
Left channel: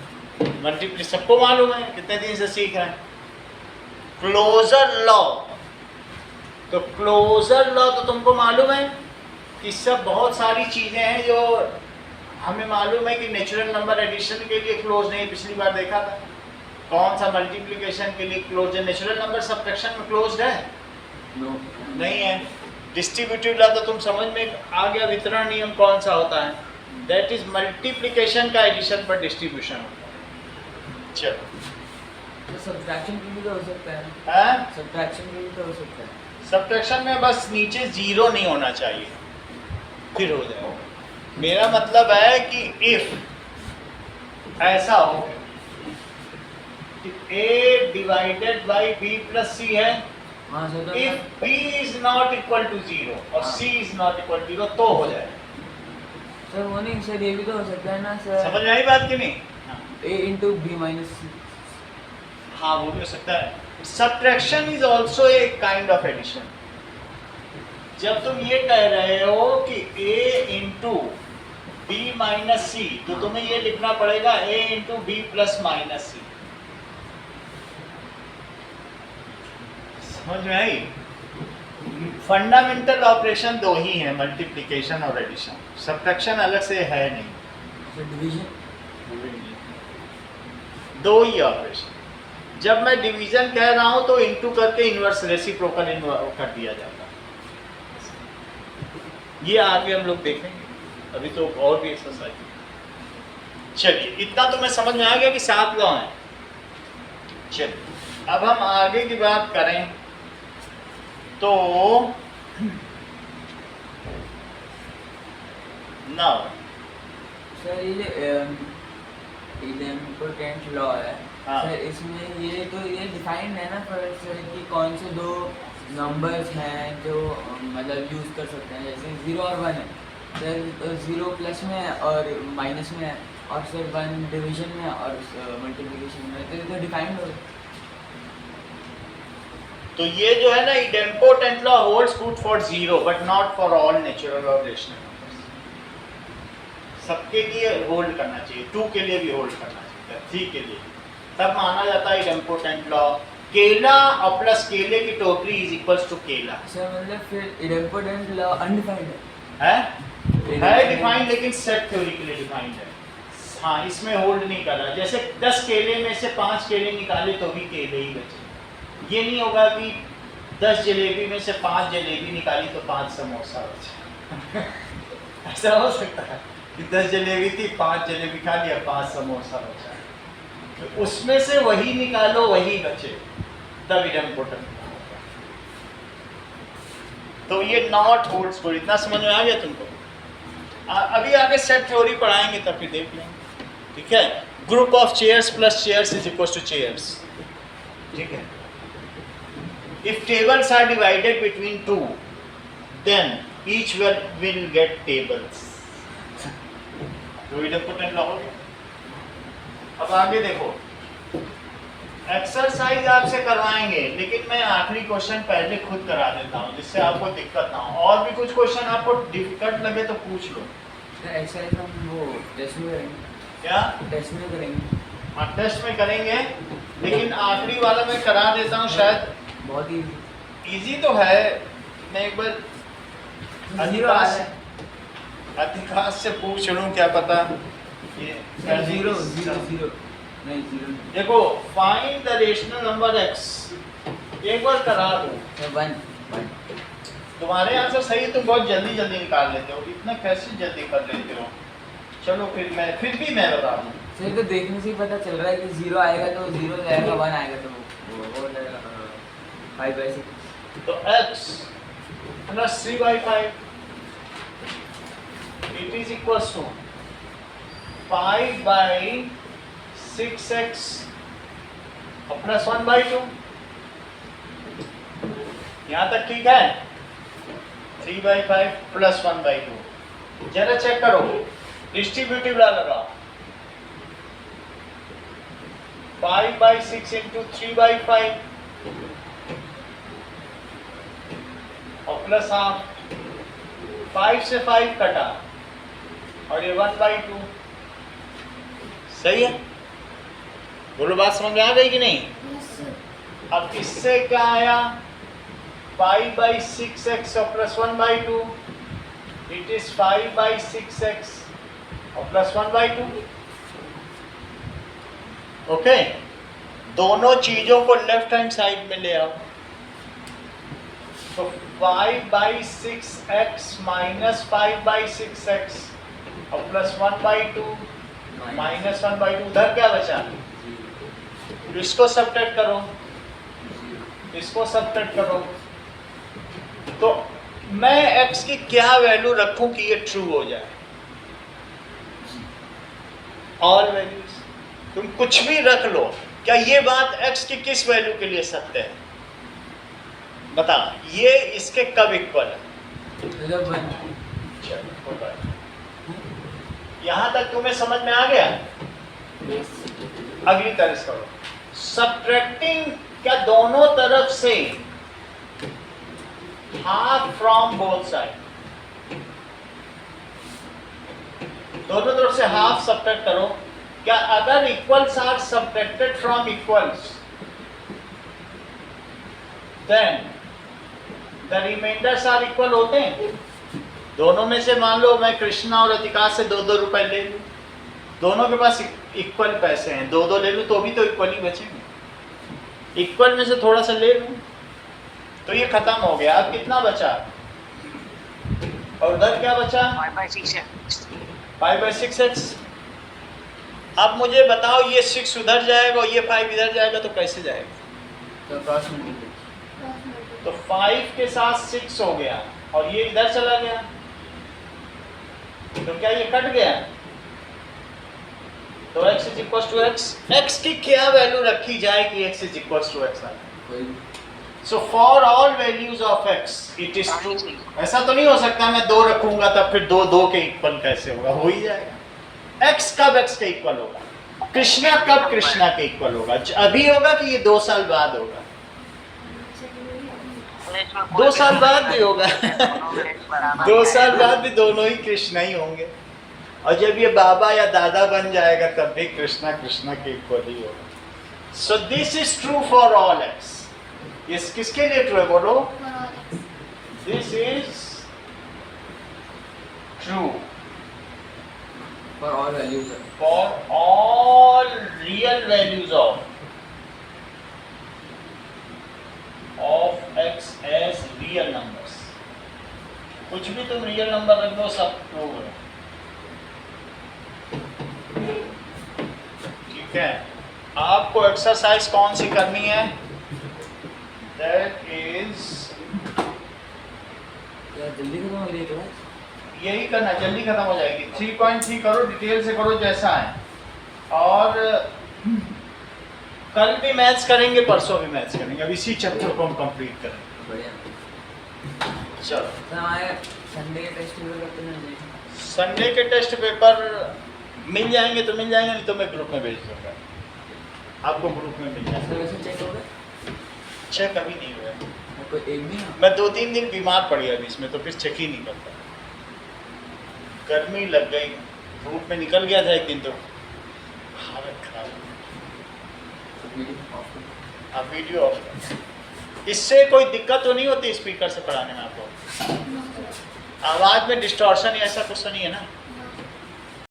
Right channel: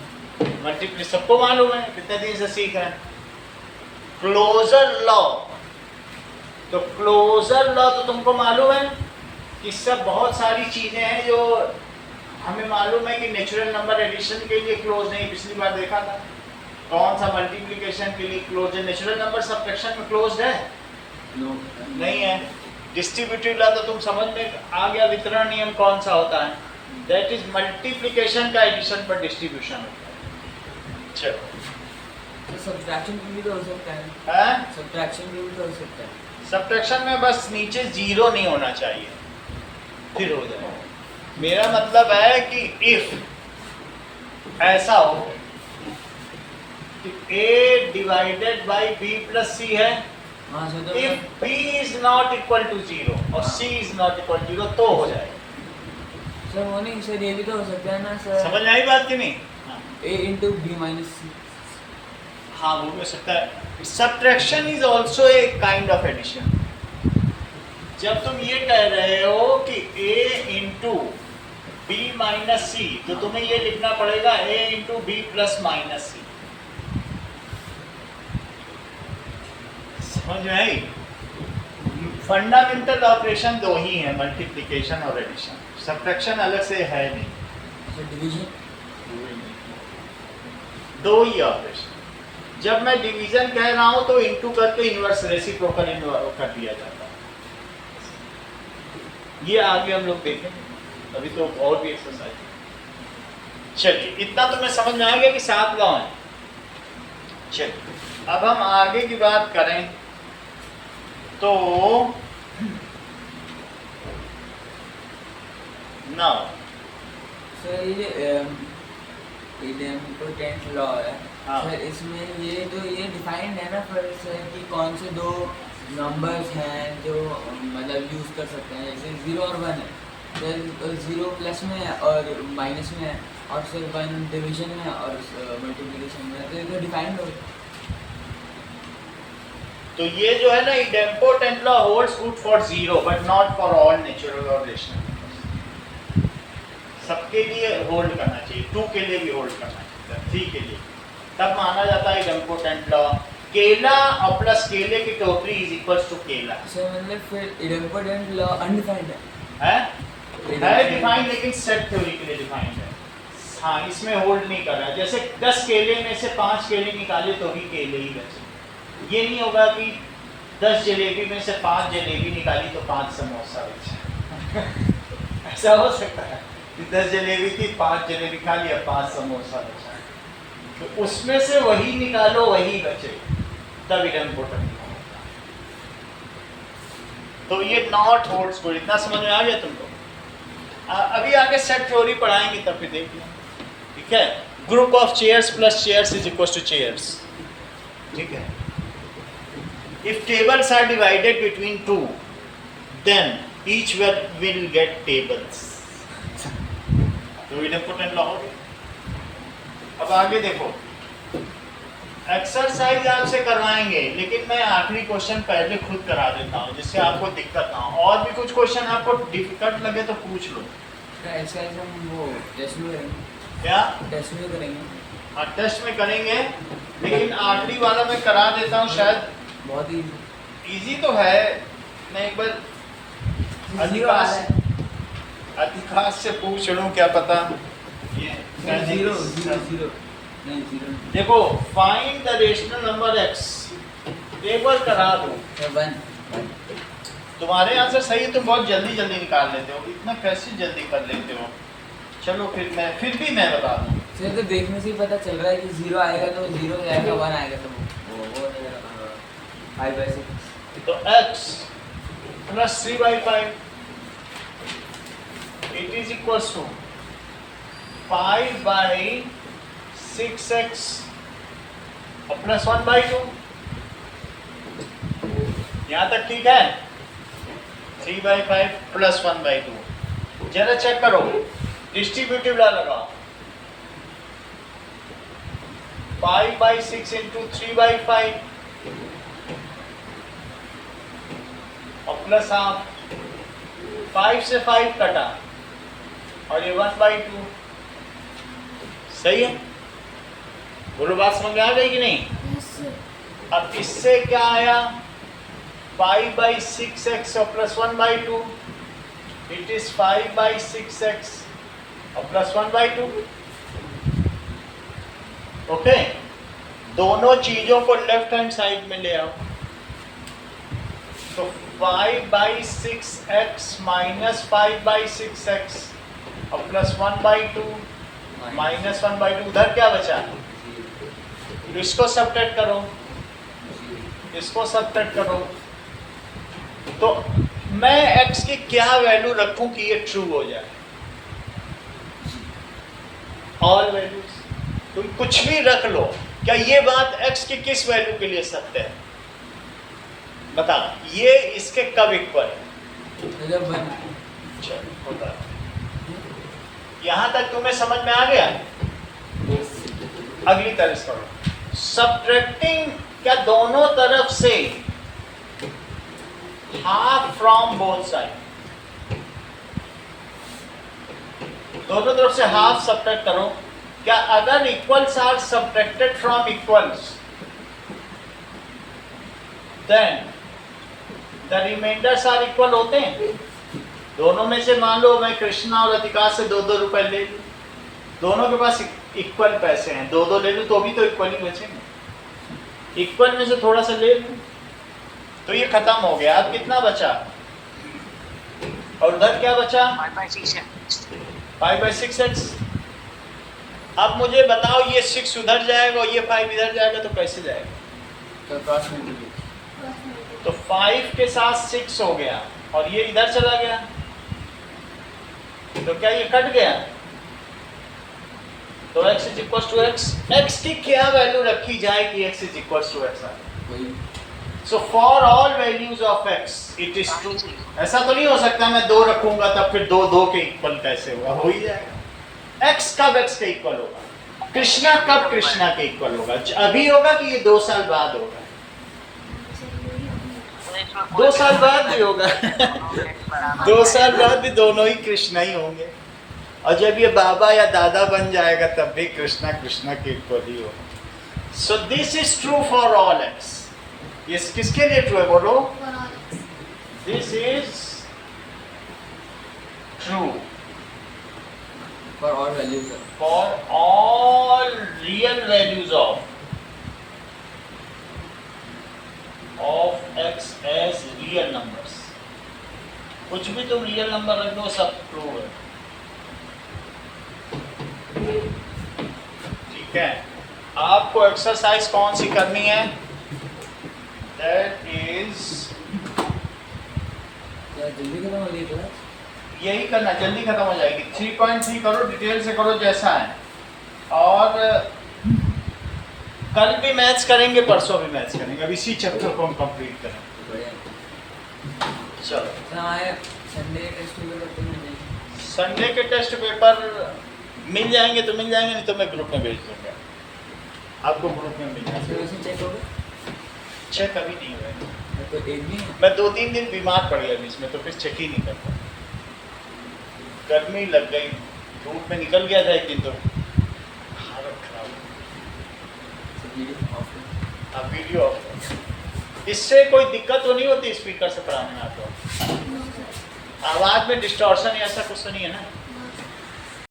मल्टीप्ली सबको मालूम है, कितने दिन से सीख रहे हैं। क्लोजर लॉ, तो क्लोजर लॉ तो तुमको मालूम है कि सब बहुत सारी चीजें हैं जो हमें मालूम है कि नेचुरल नंबर एडिशन के लिए क्लोज नहीं, पिछली बार देखा था। कौन सा मल्टीप्लिकेशन के लिए क्लोज है? नेचुरल नंबर सब्ट्रैक्शन में क्लोज्ड है? नहीं है। डिस्ट्रीब्यूटिव लॉ तो तुम समझ में आ गया, वितरण नियम कौन सा होता है? दैट इज मल्टीप्लिकेशन का एडिशन पर डिस्ट्रीब्यूशन होता है। चलो, तो सब्ट्रैक्शन पे भी तो हो सकता है। हाँ? सब्ट्रैक्शन पे भी तो हो सकता है। सब्ट्रैक्शन में बस नीचे 0 नहीं होना चाहिए, फिर हो जाएगा। मेरा मतलब है कि इफ ऐसा हो कि a divided by b plus c है, हाँ सर, तो if b is not equal to 0 और c is not equal to 0 तो हो जाएगा। सर वो नहीं सर, ये भी तो हो सकता है ना सर, समझ में आई बात कि नहीं? हाँ, a into B minus C. हाँ वो भी हो सकता है। Subtraction is also a kind of addition. जब तुम ये कह रहे हो कि a into B minus C, तो तुम्हें ये लिखना पड़ेगा a into B plus minus C. समझ में आई? फंडामेंटल ऑपरेशन 2 ही है, मल्टीप्लिकेशन और एडिशन। सब्ट्रैक्शन अलग से है नहीं, सर डिवीजन 2 ही ऑपरेशन। जब मैं डिवीजन कह रहा हूं तो इनटू करके इनवर्स रेसिप्रोकल कर दिया जाता है। ये आगे हम लोग देखेंगे, अभी तो और भी एक्सरसाइज। चलिए, इतना तो मैं समझ में आ गया कि 7 लॉ हैं। चलिए, अब हम आगे की बात करें तो नाउ सर ये जो इडेम्पोटेंट लॉ है, हाँ। सर इसमें ये तो ये डिफाइंड है ना फिर सर कि कौन से 2 नंबर्स हैं जो मतलब यूज़ कर सकते हैं। जैसे 0 और 1 है सर, 0 प्लस में है और माइनस में है, और सर 1 डिवीजन में और मल्टीप्लिकेशन में, तो ये तो डिफाइंड हो गया। तो ये जो है ना, idempotent law holds good for 0 but not for all natural और रेशनल नंबर्स। सबके लिए होल्ड करना चाहिए, 2 के लिए भी होल्ड करना चाहिए, 3 के लिए, तब माना जाता है इडेम्पोटेंट लॉ। केला और प्लस केले की टोकरी इज इक्वल्स टू केला सर मतलब फिर इडेम्पोटेंट लॉ अनडिफाइंड है डिफाइंड, लेकिन सेट थ्योरी के लिए डिफाइंड है। हाँ, इसमें होल्ड नहीं कर रहा। जैसे 10 केले में से 5 केले निकाले तो भी केले ही बचे। ये नहीं होगा कि 10 जलेबी में से 5 जलेबी निकाली तो 5 समोसा बचे। ऐसा हो सकता है कि 10 जलेबी थी, 5 जलेबी खा लिया, 5 समोसा बचा। तो उसमें से वही निकालो, वही बचे, तब इडेम्पोटेंट होगा। तो ये नॉट होल्ड्स गुड। इतना समझ में आ गया तुमको? अभी आगे सेट थ्योरी पढ़ाएंगे तब फिर देख लेंगे, ठीक है। Group of chairs plus chairs is equal to chairs, ठीक है। If tables are divided between two then each will get tables, तो इम्पोर्टेंट लॉ हो गया। अब आगे देखो, एक्सरसाइज आपसे करवाएंगे लेकिन मैं आखिरी क्वेश्चन पहले खुद करा देता हूँ जिससे आपको दिक्कत ना हो। और भी कुछ क्वेश्चन आपको डिफिकल्ट लगे तो पूछ लो। एक्सरसाइज हम वो टेस्ट में करेंगे, क्या टेस्ट में करेंगे। हाँ टेस्ट में करेंगे, लेकिन आखिरी वाला मैं करा देता हूँ, शायद बहुत ही इजी तो है। मैं एक बार जीरो आ रहा है, अधिकांश से पूछ लूँ, क्या पता ये जीरो जीरो जीरो नहीं जीरो देखो, find the rational number x, एक बार करा दो। वन वन तुम्हारे यहाँ से सही, तुम बहुत जल्दी जल्दी निकाल लेते हो, इतना कैसे जल्दी कर लेते हो। चलो फिर मैं बता दूँ। सर तो देखने से ही पता चल रहा है कि जीरो आएगा तो जीरो जाएगा, वन आएगा तो वो हो जाएगा 5/6। तो x plus 3/5 it is equal to 5/6x और प्लस 1/2। यहाँ तक ठीक है। 3/5 प्लस 1/2। जरा चेक करो, डिस्ट्रीब्यूटिव ला लगाओ। 5/6 इंटू 3/5 और प्लस हाफ, 5 से 5 कटा और ये 1/2। सही है, बोलो बात समझ में आ गई कि नहीं। यस अब इससे क्या आया, 5/6x और प्लस 1/2, इट इज 5/6x और प्लस 1/2। ओके, दोनों चीजों को लेफ्ट हैंड साइड में ले आओ। तो 5/6x माइनस 5/6x और प्लस 1/2 माइनस 1/2, उधर क्या बचा, इसको सब्ट्रैक्ट करो, इसको सब्ट्रैक्ट करो। तो मैं x की क्या वैल्यू रखूं कि ये ट्रू हो जाए। ऑल वैल्यूज, तुम कुछ भी रख लो, क्या ये बात x की किस वैल्यू के लिए सत्य है, बता। ये इसके कब इक्वल है, जब वन चलो होता है। यहां तक तुम्हें समझ में आ गया। अगली तरह करो, सब्ट्रैक्टिंग क्या दोनों तरफ से हाफ फ्रॉम बोथ साइड, दोनों तरफ से हाफ सब्ट्रैक्ट करो। क्या अगर equals are subtracted from equals then the remainders are equal होते हैं। दोनों में से मान लो मैं कृष्णा और अतिका से 2-2 रुपए ले लूं, दोनों के पास इक्वल पैसे हैं, 2-2 ले लूं तो भी तो इक्वल ही बचेंगे। इक्वल में से थोड़ा सा ले लूं तो ये खत्म हो गया। अब कितना बचा, और उधर क्या बचा, 5/6x। अब मुझे बताओ, ये 6 उधर जाएगा और ये 5 इधर जाएगा तो कैसे जाएगा, तो क्रॉस मल्टीप्लिकेशन। तो 5 के साथ 6 हो गया और ये इधर चला गया, तो क्या ये कट गया। तो x is equal to x, x की क्या वैल्यू रखी जाए कि x is equal to x आए। कोई so for all values of x it is true. ऐसा तो नहीं हो सकता मैं 2 रखूंगा तब फिर 2 के इक्वल कैसे होगा, हो ही जाएगा। x कब x के इक्वल होगा, कृष्णा कब कृष्णा के इक्वल होगा, अभी होगा कि ये 2 साल बाद होगा, 2 साल बाद भी होगा 2 साल बाद भी दोनों ही कृष्णा ही होंगे, और जब ये बाबा या दादा बन जाएगा तब भी कृष्णा कृष्णा के इक्वल ही होगा। So this is true for all x. ये किसके लिए ट्रू है, बोलो। For all x. This is true for all values for all real values of x as real numbers. कुछ भी तुम रियल नंबर रख दो सब ट्रू है, ठीक है। आपको एक्सरसाइज कौन सी करनी है, दैट इज जल्दी खत्म हो रही है क्लास। यही करना, जल्दी खत्म हो जाएगी। 3.3 करो, डिटेल से करो जैसा है। और कल भी मैथ्स करेंगे, परसों भी मैथ्स करेंगे। अब इसी चैप्टर को हम कंप्लीट करेंगे। बढ़िया। चलो, तो हमारे संडे टेस्ट पेपर कब तक मिल जाएंगे? संडे के टेस्ट पेपर मिल जाएंगे तो मिल जाएंगे, नहीं तो मैं ग्रुप में भेज दूंगा, आपको ग्रुप में मिल तो जाएंगे। वैसे चेक हो गए? चेक अभी नहीं हुआ, कोई एक भी नहीं? मैं 2-3 दिन बीमार पड़ गया बीच में, तो फिर चेक ही नहीं करता। गर्मी लग गई, धूप में निकल गया था एक दिन, तो हालत खराब हो गई। वीडियो ऑफ कर। अब वीडियो ऑफ कर। इससे कोई दिक्कत तो नहीं होती स्पीकर से पढ़ाने में आपको? आवाज़ में डिस्टॉर्शन ऐसा कुछ तो नहीं है ना?